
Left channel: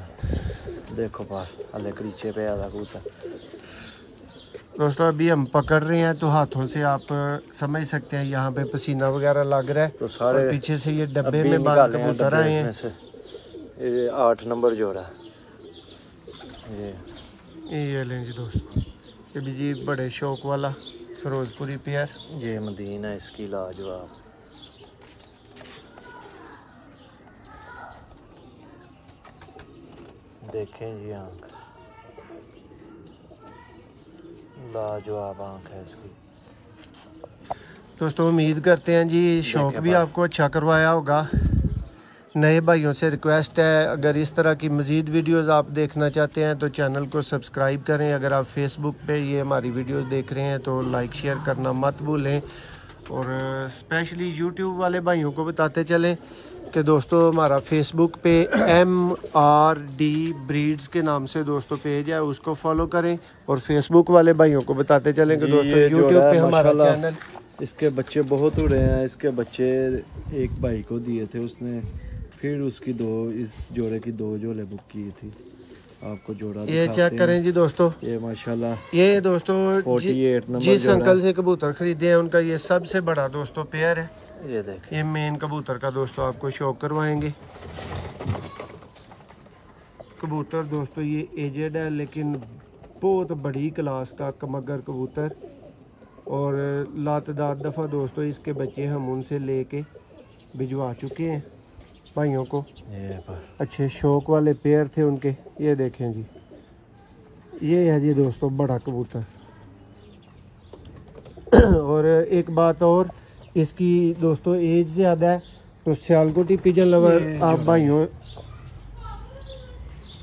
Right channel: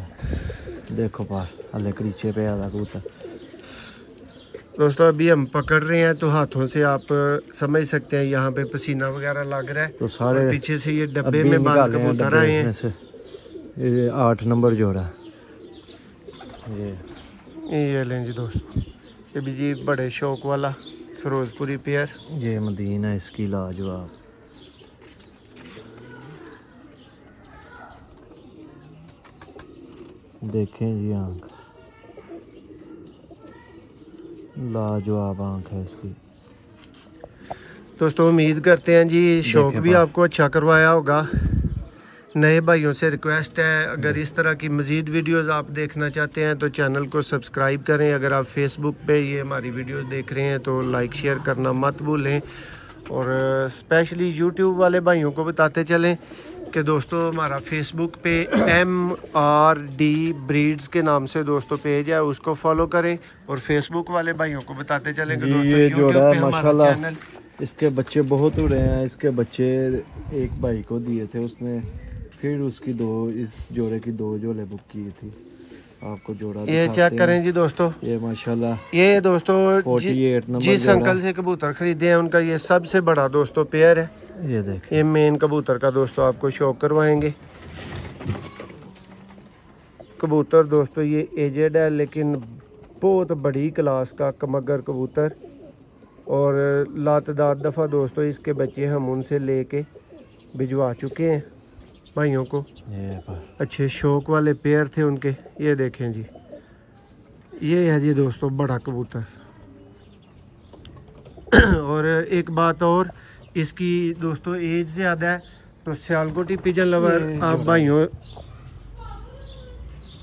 देखो पार हले करीचे पे आ कबूतर। दोस्तों अभी हम पकड़ रहे हैं तो हाथों से आप समझ सकते हैं यहाँ पे पसीना वगैरह लग रहा है। तो सारे पीछे से ये डब्बे में बंद कबूतर आए हैं। ये 8 नंबर जोड़ा ये लें जी दोस्तों, ये भी जी बड़े शौक वाला फिरोजपुरी पेयर। ये मदीन है इसकी लाजवाब। देखें जी हम लाजवाब आंख है इसकी। दोस्तों उम्मीद करते हैं जी शौक भी आपको अच्छा करवाया होगा। नए भाइयों से रिक्वेस्ट है, अगर इस तरह की मज़ीद वीडियोस आप देखना चाहते हैं तो चैनल को सब्सक्राइब करें। अगर आप फेसबुक पे ये हमारी वीडियोस देख रहे हैं तो लाइक शेयर करना मत भूलें। और स्पेशली यूट्यूब वाले भाइयों को बताते चलें कि दोस्तों हमारा फेसबुक पे MRD ब्रीड्स के नाम से दोस्तों पेज है, उसको फॉलो करें। और फेसबुक वाले भाइयों को बताते चलें कि दोस्तों यूट्यूब पे हमारा चैनल, इसके बच्चे बहुत उड़े हैं। इसके बच्चे एक भाई को दिए थे उसने, फिर उसकी इस जोड़े की 2 जोड़े बुक की थी। आपको जोड़ा ये चेक करें जी दोस्तों, ये माशाल्लाह ये दोस्तों 48 नंबर जिस अंकल से कबूतर खरीदे हैं उनका ये सबसे बड़ा दोस्तों पेयर है। ये देख, ये मेन कबूतर का दोस्तों आपको शौक करवाएंगे। कबूतर दोस्तों ये एजेड है लेकिन बहुत बड़ी क्लास का कमगर कबूतर। और लातदार दफ़ा दोस्तों इसके बच्चे हम उनसे लेके भिजवा चुके हैं भाइयों को। ये अच्छे शौक वाले पेयर थे उनके। ये देखें जी, ये है जी दोस्तों बड़ा कबूतर। और एक बात और, इसकी दोस्तों एज ज़्यादा है तो सियालकोटी पिजन लवर आप भाइयों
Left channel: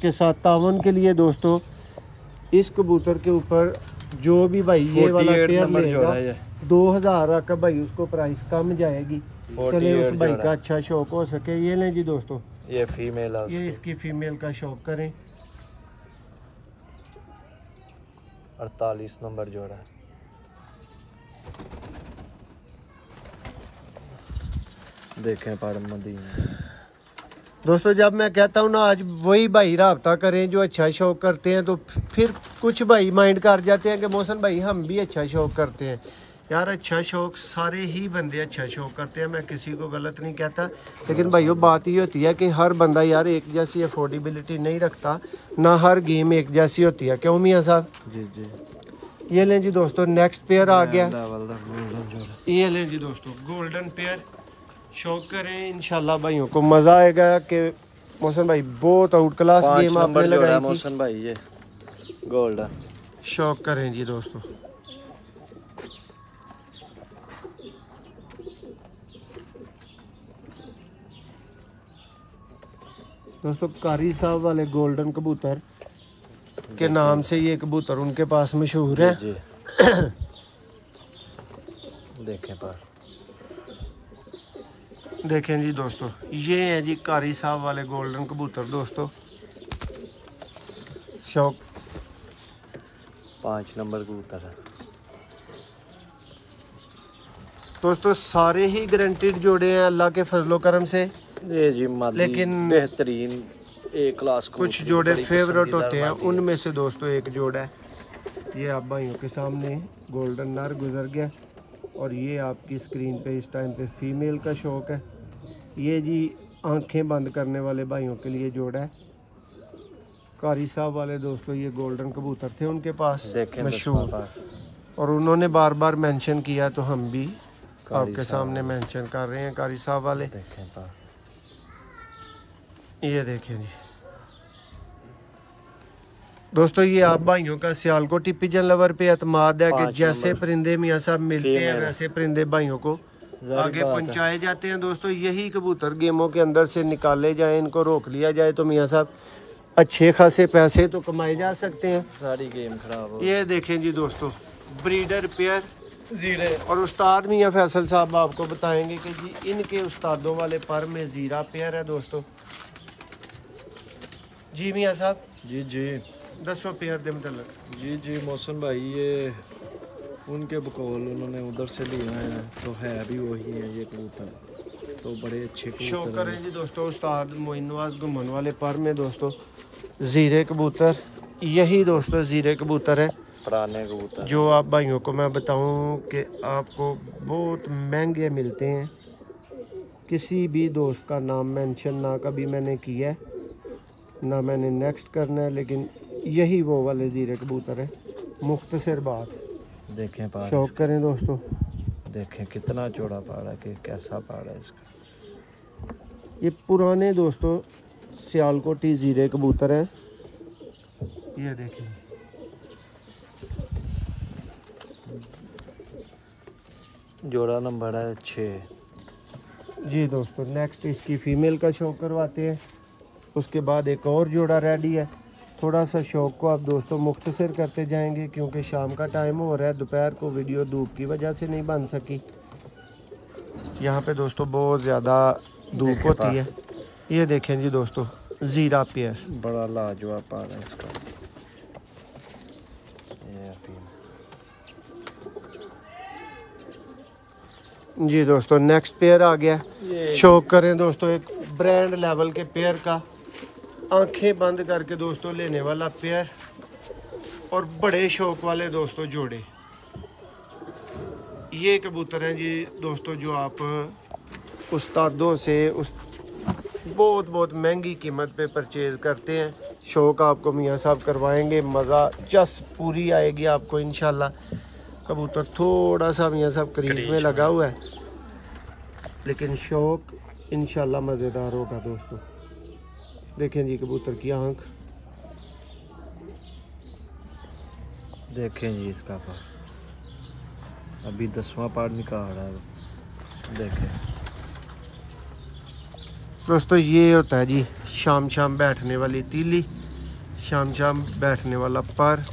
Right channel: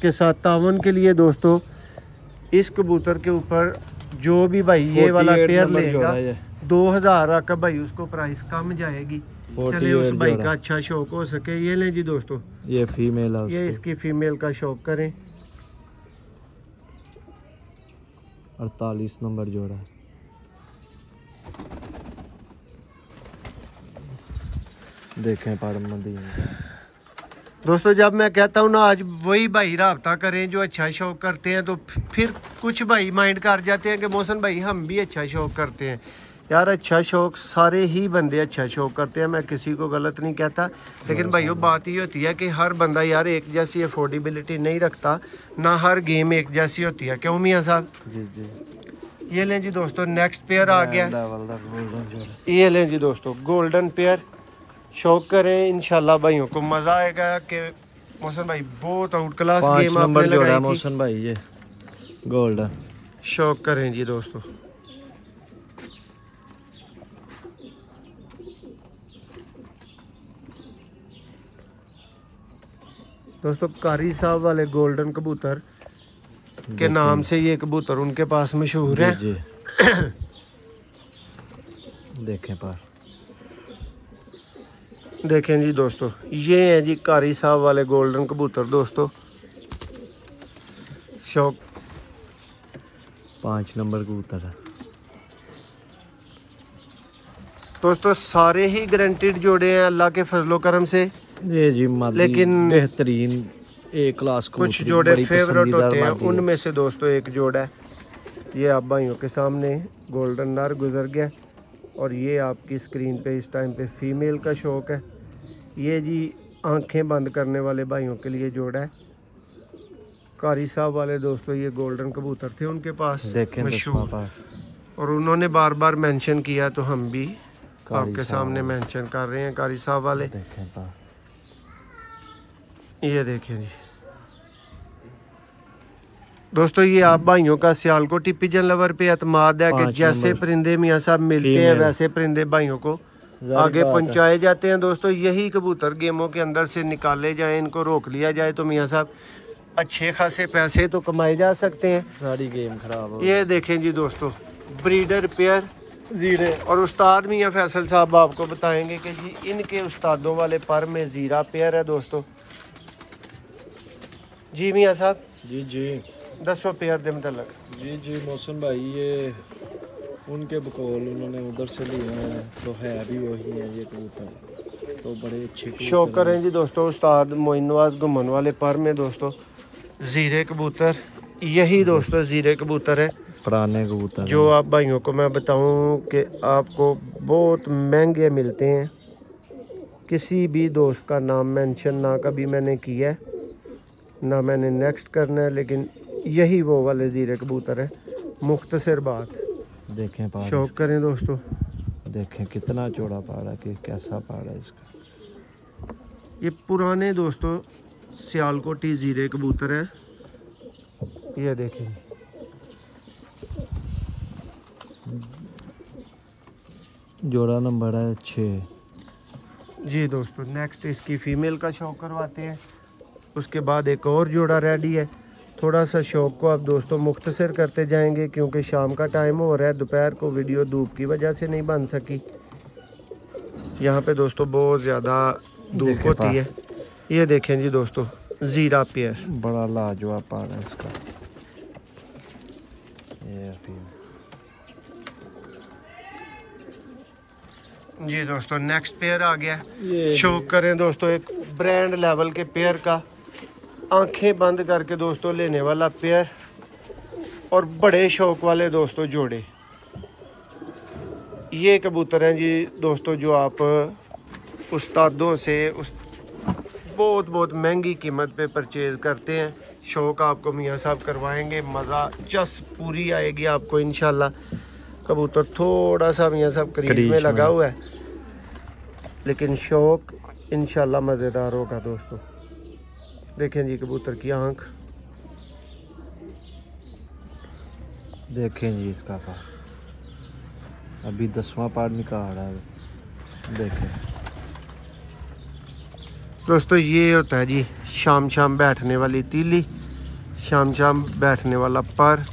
के साथ तावन के लिए दोस्तों इस कबूतर के ऊपर जो भी भाई ये वाला पेयर लेगा 2000 का भाई उसको प्राइस कम जाएगी। चले उस भाई का अच्छा शौक हो सके। ये लें जी दोस्तों, ये फीमेल है, ये इसकी फीमेल का शौक करें। 48 नंबर जोड़ा। देखें मदीना दोस्तों जब मैं कहता हूँ ना आज वही भाई राब्ता करें जो अच्छा शौक करते हैं, तो फिर कुछ भाई माइंड कर जाते हैं कि मोहसन भाई हम भी अच्छा शौक करते हैं। यार अच्छा शौक सारे ही बंदे अच्छा शौक करते हैं, मैं किसी को गलत नहीं कहता। लेकिन भाइयों बात ये होती है कि हर बंदा यार एक जैसी अफोर्डेबिलिटी नहीं रखता, ना हर गेम एक जैसी होती है। क्यों मियाँ साहब? जी जी। ये लें जी दोस्तों, नेक्स्ट पेयर आ गया। ये लें जी दोस्तों गोल्डन पेयर। शौक करें, इंशाल्लाह भाइयों को मज़ा आएगा कि मोहसन भाई बहुत आउट क्लास गेम आपने लगाई थी। मोहसन भाई ये गोल्डन शौक करें जी दोस्तों। दोस्तों कारी साहब वाले गोल्डन कबूतर के नाम से ये कबूतर उनके पास मशहूर है। देखें पर देखें जी दोस्तों, ये है जी कारी साहब वाले गोल्डन कबूतर दोस्तों। शौक 5 नंबर कबूतर है दोस्तों। सारे ही गारंटीड जोड़े हैं अल्लाह के फजलो करम से। ये जी लेकिन बेहतरीन ए क्लास कुछ जोड़े फेवरेट होते हैं, उनमें से दोस्तों एक जोड़ा है। ये आप भाइयों के सामने गोल्डन नर गुजर गया और ये आपकी स्क्रीन पे इस टाइम पे फीमेल का शौक है। ये जी आंखें बंद करने वाले भाइयों के लिए जोड़ा है। कारी साहब वाले दोस्तों ये गोल्डन कबूतर थे उनके पास मशहूर, और उन्होंने बार बार मेंशन किया तो हम भी आपके सामने मेंशन कर रहे हैं कारी साहब वाले। ये देखें जी दोस्तों, ये आप भाइयों का सियालकोटी पिजन लवर पे एतमाद है कि जैसे परिंदे मियाँ साहब मिलते हैं वैसे परिंदे भाइयों को आगे पहुंचाए जाते हैं। दोस्तों यही कबूतर गेमों के अंदर से निकाले जाएं, इनको रोक लिया जाए तो मियाँ साहब अच्छे खासे पैसे तो कमाए जा सकते हैं। सारी गेम खराब हो। ये देखें जी दोस्तों, ब्रीडर पेयर जीरे, और उस्ताद मियाँ फैसल साहब आपको बताएंगे कि जी इनके उस्तादों वाले पर में जीरा पेयर है दोस्तों। जी मियाँ साहब जी दसो पेयर दे मतलब। जी मौसम भाई, ये उनके बकौल उन्होंने उधर से लिए हैं तो है भी वही है ये कबूतर, तो बड़े अच्छे शो करें जी दोस्तों उस्ताद मोइन नवाज घुमन वाले पर में दोस्तों जीरे कबूतर। यही दोस्तों जीरे कबूतर है पुराने कबूतर, जो आप भाइयों को मैं बताऊं कि आपको बहुत महंगे मिलते हैं। किसी भी दोस्त का नाम मेंशन ना कभी मैंने किया है ना मैंने नेक्स्ट करना है, लेकिन यही वो वाले जीरे कबूतर है। मुख्तसर बात देखें शौक करें दोस्तों, देखें कितना चौड़ा पहाड़ है कि कैसा पहाड़ है इसका। ये पुराने दोस्तों सियालकोटी जीरे कबूतर हैं। ये देखें जोड़ा नंबर है 6 जी दोस्तों। नेक्स्ट इसकी फीमेल का शौक करवाते हैं, उसके बाद एक और जोड़ा रेडी है। थोड़ा सा शौक को आप दोस्तों मुख्तसर करते जाएंगे क्योंकि शाम का टाइम हो रहा है, दोपहर को वीडियो धूप की वजह से नहीं बन सकी। यहाँ पे दोस्तों बहुत ज़्यादा धूप होती है। ये देखें जी दोस्तों जीरा पेयर, बड़ा लाजवाब पहाड़ है इसका। जी दोस्तों नेक्स्ट पेयर आ गया। शौक करें दोस्तों एक ब्रांड लेवल के पेयर का, आंखें बंद करके दोस्तों लेने वाला पेयर और बड़े शौक वाले दोस्तों जोड़े। ये कबूतर हैं जी दोस्तों जो आप उस्तादों से बहुत महंगी कीमत पे परचेज करते हैं। शौक आपको मियाँ साहब करवाएंगे, मज़ा चस पूरी आएगी आपको इंशाल्लाह। कबूतर थोड़ा सा मियाँ साहब क्रीज में लगा हुआ है, लेकिन शौक इंशाल्लाह मज़ेदार होगा दोस्तों। देखें जी कबूतर की आंख, देखें जी इसका पार अभी 10वां पार निकाल रहा है। देखें दोस्तों ये होता है जी शाम बैठने वाली तीली, शाम बैठने वाला पर।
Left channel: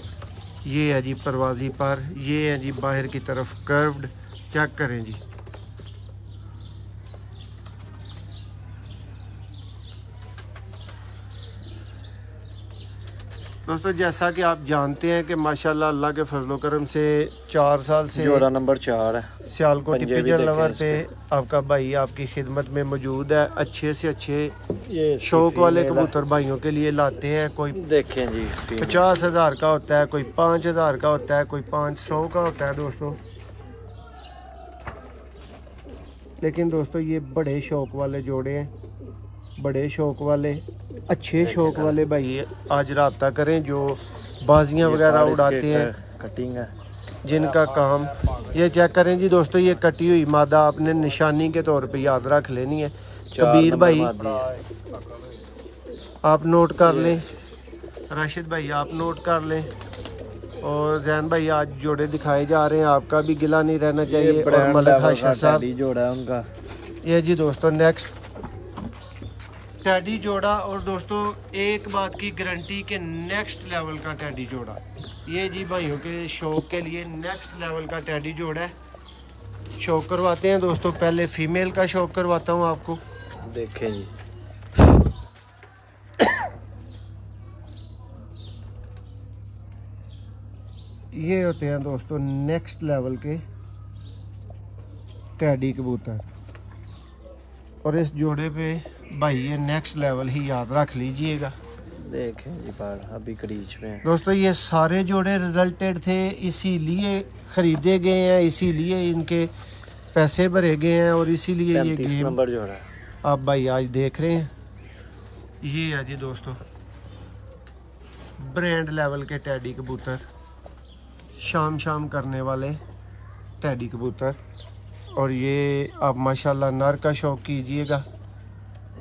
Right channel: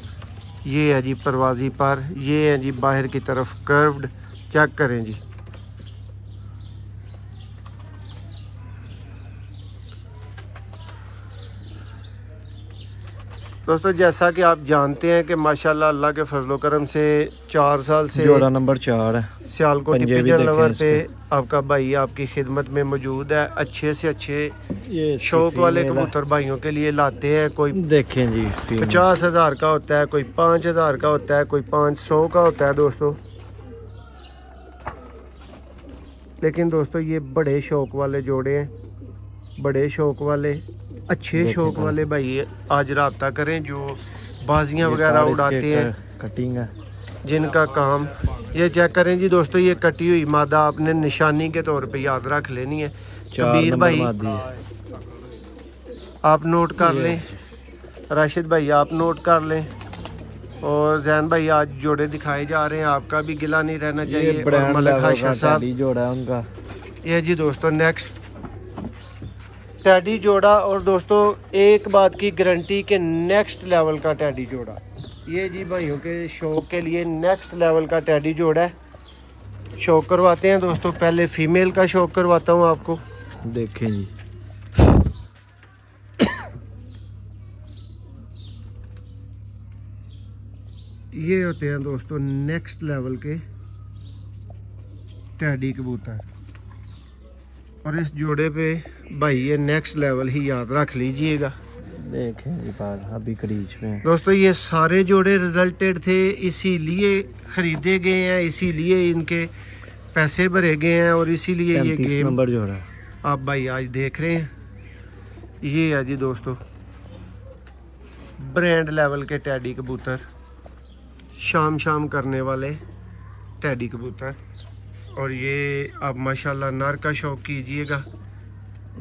ये है जी परवाजी पर, ये है जी बाहर की तरफ कर्व्ड। चेक करें जी दोस्तों, जैसा कि आप जानते हैं कि माशाल्लाह अल्लाह के फजलो करम से 4 साल से जोड़ा नंबर 4 है सियालकोटी पिजन लवर पे आपका भाई आपकी खिदमत में मौजूद है। अच्छे से अच्छे शौक वाले कबूतर भाइयों के लिए लाते हैं। कोई देखें जी 50,000 का होता है, कोई 5,000 का होता है, कोई 500 का होता है दोस्तों। लेकिन दोस्तों ये बड़े शौक वाले जोड़े हैं, बड़े शौक वाले अच्छे शौक वाले भाई आज रब्ता करें जो बाजियां वगैरह उड़ाते हैं, कटिंग है जिनका काम। ये चेक करें जी दोस्तों, ये कटी हुई मादा आपने निशानी के तौर पे याद रख लेनी है। कबीर भाई आप नोट कर लें, राशिद भाई आप नोट कर लें, और जैन भाई आज जोड़े दिखाए जा रहे हैं, आपका भी गिला नहीं रहना चाहिए। और मलिक हाशिर साहब जोड़ा है उनका। ये जी दोस्तों नेक्स्ट टैडी जोड़ा। और दोस्तों एक बात की गारंटी के नेक्स्ट लेवल का टैडी जोड़ा, ये जी भाइयों के शौक के लिए नेक्स्ट लेवल का टैडी जोड़ा है। शौक करवाते हैं दोस्तों, पहले फीमेल का शौक करवाता हूँ आपको। देखें जी ये होते हैं दोस्तों नेक्स्ट लेवल के टैडी कबूतर, और इस जोड़े पे भाई ये नेक्स्ट लेवल ही याद रख लीजिएगा। देखें जी पार अभी क्रीज में। दोस्तों ये सारे जोड़े रिजल्टेड थे, इसीलिए खरीदे गए हैं, इसीलिए इनके पैसे भरे गए हैं और इसीलिए ये 35 गेम नंबर जोड़ा है। आप भाई आज देख रहे हैं। ये है जी दोस्तों ब्रांड लेवल के टैडी कबूतर, शाम करने वाले टैडी कबूतर। और ये आप माशाल्लाह नर का शौक कीजिएगा।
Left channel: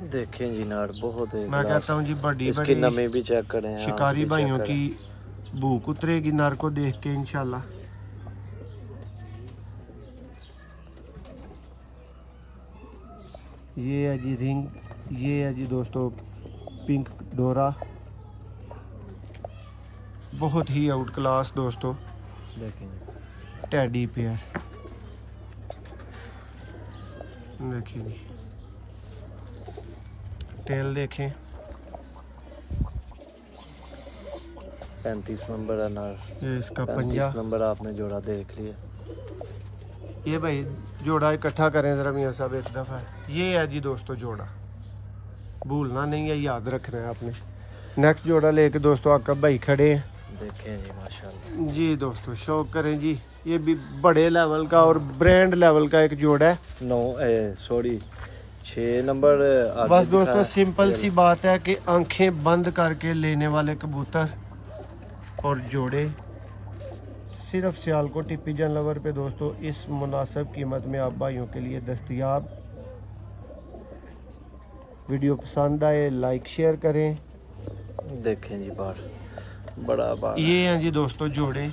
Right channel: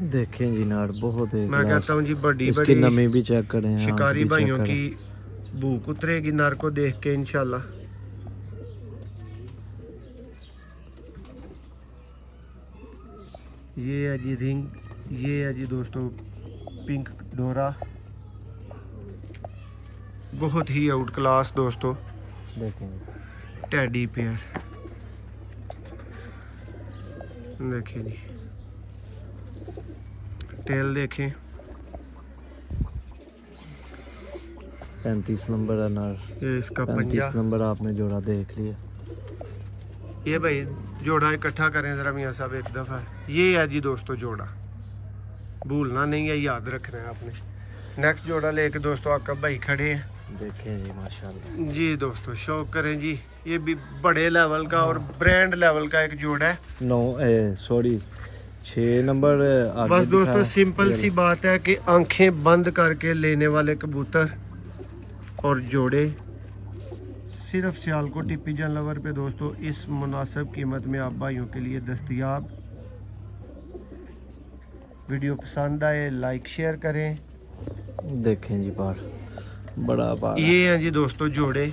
देखें जी नार बहुत है, मैं कहता हूँ जी बड़ी इसकी बड़ी नमी भी चेक करें, शिकारी भाइयों की भूख उतरेगी नर को देख के इंशाल्लाह। ये है जी रिंग, ये है जी दोस्तों पिंक डोरा, बहुत ही आउट क्लास दोस्तों देखें जी। Teddy pair. देखिए जी टेल देखें, 35 नंबर है नार। ये इसका 35 पंजा। नंबर आपने जोड़ा देख लिया। ये भाई जोड़ा इकट्ठा करें जरा मियाँ साहब एक दफ़ा। ये है जी दोस्तों जोड़ा, भूलना नहीं है, याद रखना है आपने। नेक्स्ट जोड़ा लेके दोस्तों आपका भाई खड़े हैं। देखें जी माशाल्लाह जी दोस्तों शौक करें जी, ये भी बड़े लेवल का और ब्रांड लेवल का एक जोड़ा है। 6 नंबर आगे बस दोस्तों दिखा। सिंपल सी बात है कि आंखें बंद करके लेने वाले कबूतर और जोड़े सिर्फ सियालकोट पिजन लवर पे दोस्तों इस मुनासिब कीमत में आप भाइयों के लिए दस्तयाब। वीडियो पसंद आए लाइक शेयर करें। देखें जी बार बड़ा बार। ये हैं जी दोस्तों जोड़े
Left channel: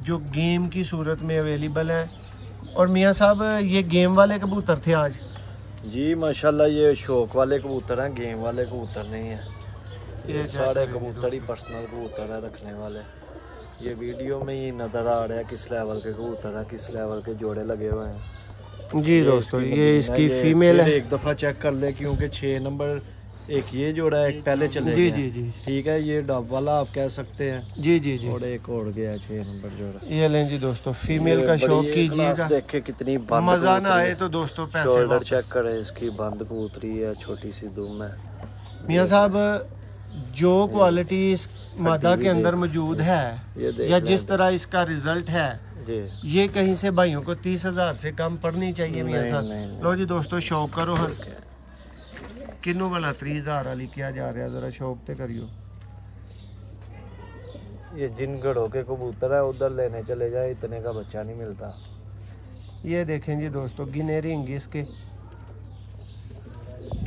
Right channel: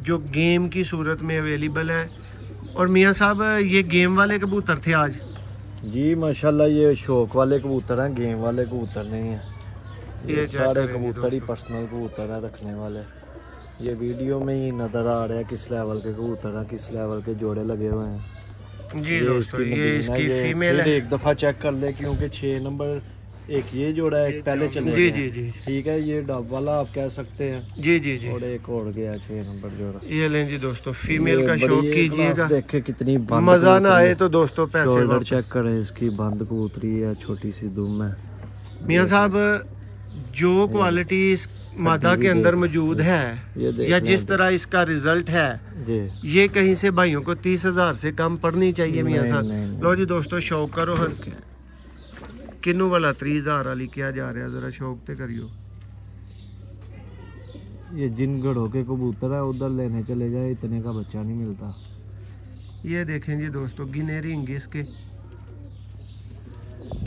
जो गेम की सूरत में अवेलेबल है। और मियाँ साहब ये गेम वाले कबूतर थे आज? जी माशाल्लाह ये शौक वाले कबूतर हैं, गेम वाले कबूतर नहीं है। ये चेक सारे करें जी कबूतर ही दोस्तों। पर्सनल कबूतर है रखने वाले। ये वीडियो में ही नज़र आ रहा है किस लेवल के कबूतर है, किस लेवल के जोड़े लगे हुए हैं। जी दोस्तों ये इसकी ये फीमेल है। एक दफ़ा चेक कर ले क्योंकि 6 नंबर एक ये जोड़ा है, एक पहले चले जी गए। जी जी ठीक है, ये डब वाला आप कह सकते हैं। जी जी जी और एक और गया 6 नंबर जोड़ा। ये लें जी दोस्तों फीमेल का ये शौक बड़ी कीजिएगा। क्लास देखे कितनी बंद मजा ना कबूतरी आए है। तो दोस्तों पैसे शोल्डर वापस। चेक करें, इसकी बंद कबूतरी है, छोटी सी दुम है। मियाँ साहब जो क्वालिटी इस मादा के अंदर मौजूद है ये देख या लो। जिस तरह इसका रिजल्ट है, जी ये कहीं से भाइयों को 30,000 से कम पड़नी चाहिए मियाँ नहीं, साहब। नहीं। लो जी दोस्तों शौक करो हर किन्नू वाला 30,000 वाली क्या जा रहा है, जरा शौक ते करियो। ये जिन घड़ों के कबूतर है उधर लेने चले जाए, इतने का बच्चा नहीं मिलता। ये देखें जी दोस्तों गिने रिंग इसके।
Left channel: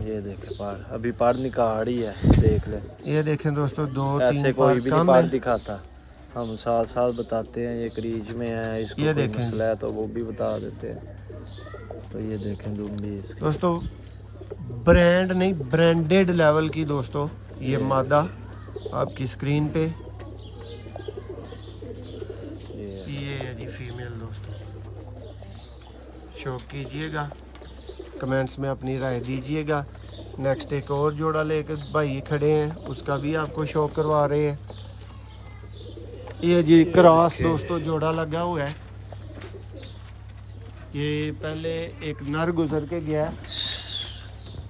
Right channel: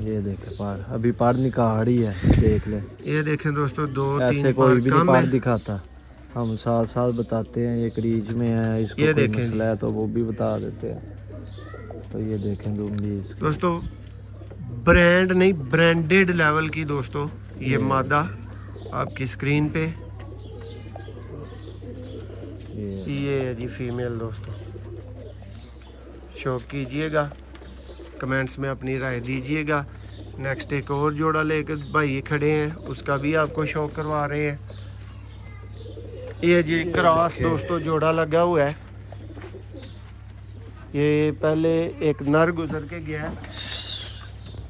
ये देखे पार, अभी पार निकाड़ी है, देख ले। ये देखें दोस्तों ऐसे 2-3 कोई पार भी कम नहीं है। पार दिखाता। हम साल बताते हैं ये क्रीज में है, इसको ये कोई देखें मसला है तो वो भी बता देते हैं। तो ये देखें दुम्बी इसकी। दोस्तों ब्रांड नहीं ब्रांडेड लेवल की दोस्तों ये मादा आपकी स्क्रीन पे। ये है जी फीमेल दोस्तों, शौक कीजिएगा, कमेंट्स में अपनी राय दीजिएगा। नेक्स्ट एक और जोड़ा लेकर भाई खड़े हैं, उसका भी आपको शौक करवा रहे हैं। ये जी क्रॉस दोस्तों जोड़ा लगा हुआ है। ये पहले एक नर गुजर के गया,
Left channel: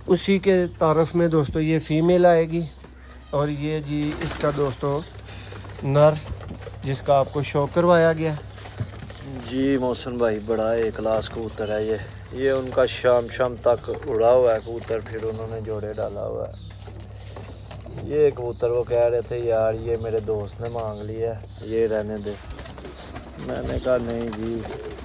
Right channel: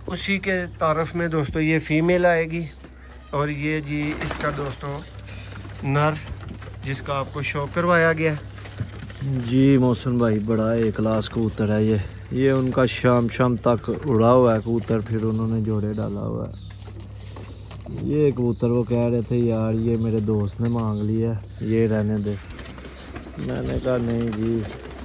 उसी के तारफ में दोस्तों ये फीमेल आएगी। और ये जी इसका दोस्तों नर जिसका आपको शौक करवाया गया। जी मौसम भाई बड़ा एक क्लास कबूतर है ये उनका शाम तक उड़ा हुआ है कबूतर, फिर उन्होंने जोड़े डाला हुआ है। ये कबूतर वो कह रहे थे यार ये मेरे दोस्त ने मांग लिया, ये रहने दे। मैंने कहा नहीं जी,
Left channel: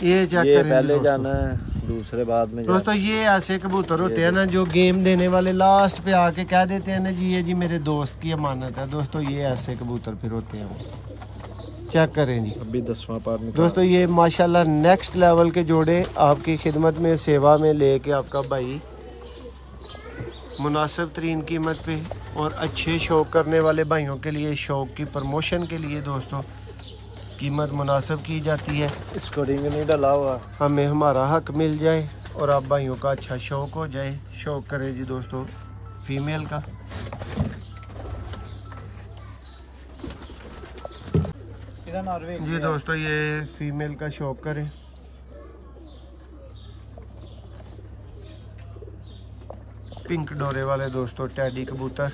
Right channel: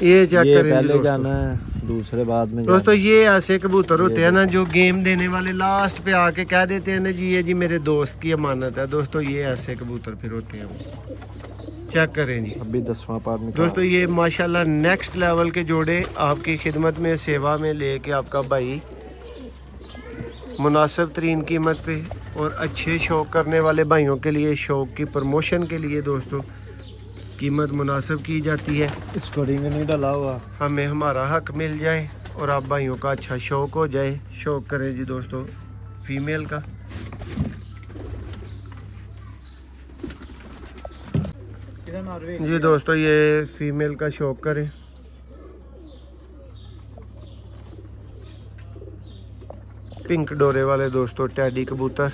ये चेक ये करें जी पहले दोस्तों। जाना है, दूसरे बाद में दोस्तों जाना ये ऐसे कबूतर होते हैं ना जो गेम देने वाले लास्ट पे आके कह देते हैं ना जी ये जी मेरे दोस्त की अमानत है। दोस्तों ये ऐसे कबूतर फिर होते हैं वो। चेक करें जी है। अभी 10वां पार निकाल। दोस्तों ये माशाल्लाह नेक्स्ट लेवल के जोड़े आपकी खिदमत में सेवा में लेके आपका भाई मुनासिब तरीन कीमत पे और अच्छे शौक करने वाले भाइयों के लिए शौक की प्रमोशन के लिए दोस्तों कीमत मुनासिब की जाती है। इसको रिंग नहीं डाला हुआ। हमें हमारा हक मिल जाए और आप भाइयों का अच्छा शौक हो जाए। शौक करें जी दोस्तों फीमेल का। जी दोस्तों ये फीमेल का शौक करें। पिंक डोरे वाले दोस्तों टैडी कबूतर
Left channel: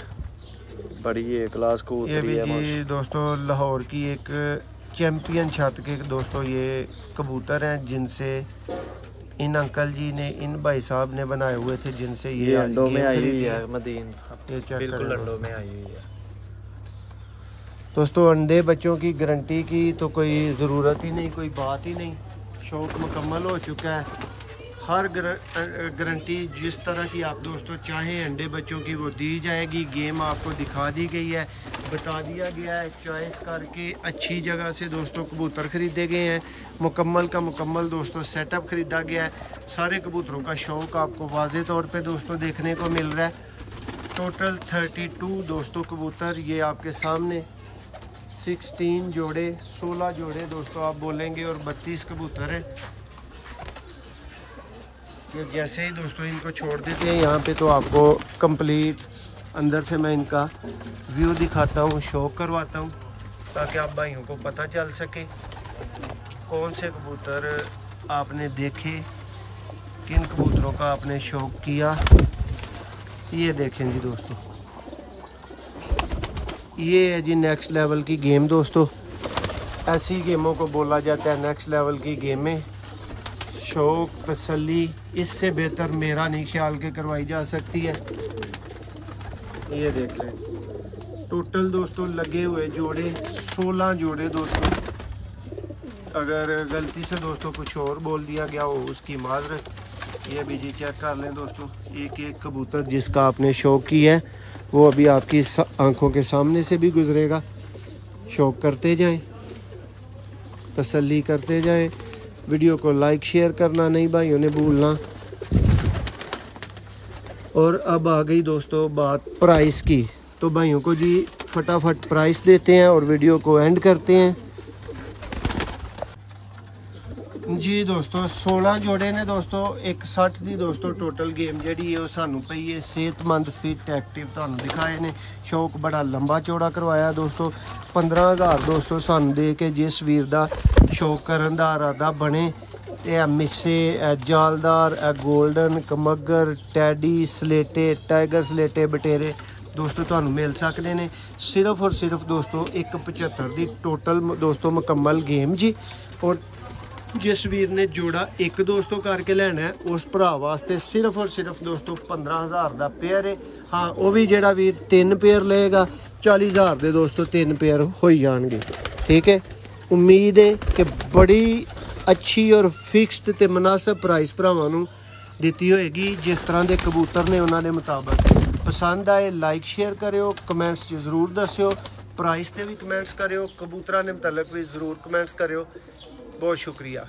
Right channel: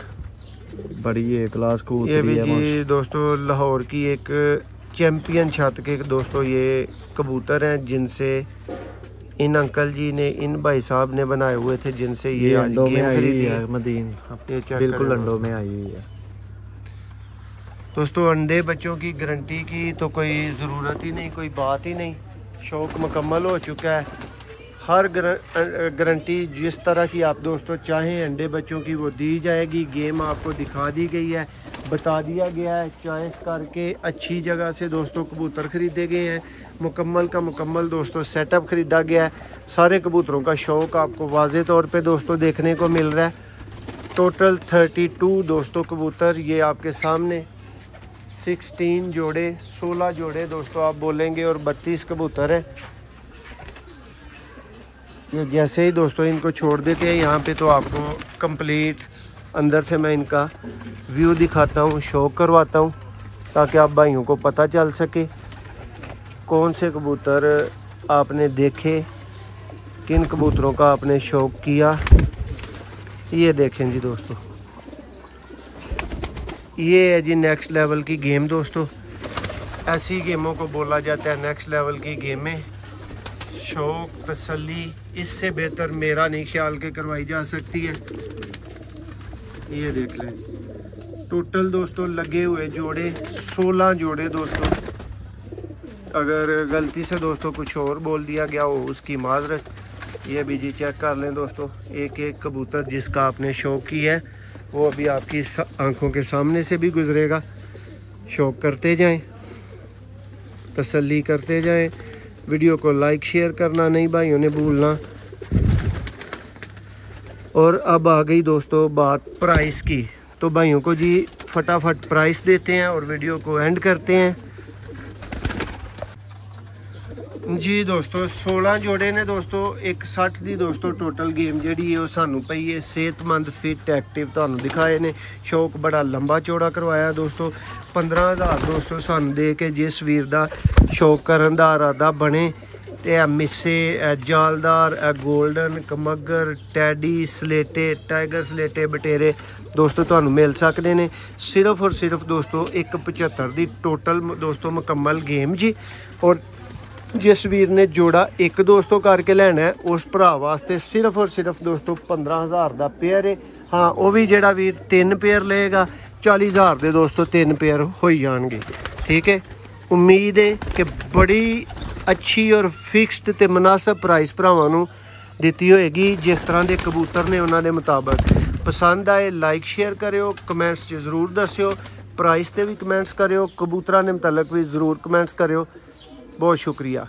बड़ी ये क्लास को ये भी जी दोस्तों लाहौर की एक चैंपियन छत के दोस्तों ये कबूतर हैं, जिनसे इन अंकल जी ने, इन भाई साहब ने बनाए हुए थे, जिनसे ये आज गेम खरीदी है। मदीन ये चेक बिल्कुल करें अंडों में आई हुई है दोस्तों। अंडे बच्चों की गारंटी की तो कोई ज़रूरत ही नहीं, कोई बात ही नहीं। शौक मुकम्मल हो चुका है। हर गारंटी जिस तरह की आप दोस्तों चाहें अंडे बच्चों की वो दी जाएगी। गेम आपको दिखा दी गई है, बता दिया गया है, चॉइस करके अच्छी जगह से दोस्तों कबूतर ख़रीदे गए हैं। मुकम्मल का मुकम्मल दोस्तों सेटअप ख़रीदा गया है। सारे कबूतरों का शौक आपको वाज़े तौर पे दोस्तों देखने को मिल रहा है। टोटल 32 दोस्तों कबूतर ये आपके सामने, 16 जोड़े, 16 जोड़े दोस्तों आप बोलेंगे, और 32 कबूतर हैं। ये जैसे ही दोस्तों इनको छोड़ देते हैं यहाँ पे, तो आपको कंप्लीट अंदर से मैं इनका व्यू दिखाता हूँ, शो करवाता हूँ, ताकि आप भाइयों को पता चल सके कौन से कबूतर आपने देखे, किन कबूतरों का आपने शौक किया। ये देखें जी दोस्तों, ये है जी नेक्स्ट लेवल की गेम दोस्तों। ऐसी गेमों को बोला जाता है नेक्स्ट लेवल की गेमें। शौक तसल्ली इससे बेहतर मेरा नहीं ख्याल के करवाई जा सकती है। ये देख लें, टोटल दोस्तों लगे हुए जोड़े 16 जोड़े दोस्तों। अगर गलती से दोस्तों कुछ और बोल दिया गया हो उसकी माजरत। ये भी जी चेक कर लें दोस्तों, एक एक कबूतर जिसका आपने शौक की है वो अभी आपकी आंखों के सामने से भी गुजरेगा। शौक करते जाएं, तसल्ली करते जाएं। वीडियो को लाइक शेयर करना नहीं भाइयों ने भूलना। और अब आ गई दोस्तों बात प्राइस की, तो भाइयों को जी फटाफट प्राइस देते हैं और वीडियो को एंड करते हैं जी दोस्तों। 16 जोड़े ने दोस्तों 61 दी दोस्तों टोटल गेम जी है सानू पई है। सेहतमंद फिट एक्टिव तुहानू दिखाए ने। शौक बड़ा लंबा चौड़ा करवाया दोस्तों। 15,000 दोस्तों सानू दे के जिस वीर दा शौक करन दा इरादा बने, ते मिस्से, जालदार, गोल्डन, कमगर, टैडी, स्लेटे, टाइगर स्लेटे, बटेरे दोस्तों तुहानू मिल सकते ने। सिर्फ और सिर्फ दोस्तों 175 दी टोटल दोस्तों मुकम्मल गेम जी। और जिस वीर ने जोड़ा एक दोस्तों करके लेना है उस भरा वास्ते सिर्फ और सिर्फ दोस्तों 15,000 का पेयर है। हाँ, वो भी जेड़ा वीर 3 पेयर लेगा 40,000 के दोस्तों 3 पेयर हो जाएंगे। ठीक है, उम्मीद है कि बड़ी अच्छी और फिक्स्ड ते मुनासिब प्राइस भरावां नूं दित्ती होएगी। जिस तरह के कबूतर ने उन्होंने मुताबिक पसंद आए लाइक शेयर करियो, कमेंट्स च जरूर दस्सियो, प्राइस ते भी कमेंट्स करियो, कबूतरां दे मुतलक भी जरूर कमेंट्स करियो। बहुत शुक्रिया।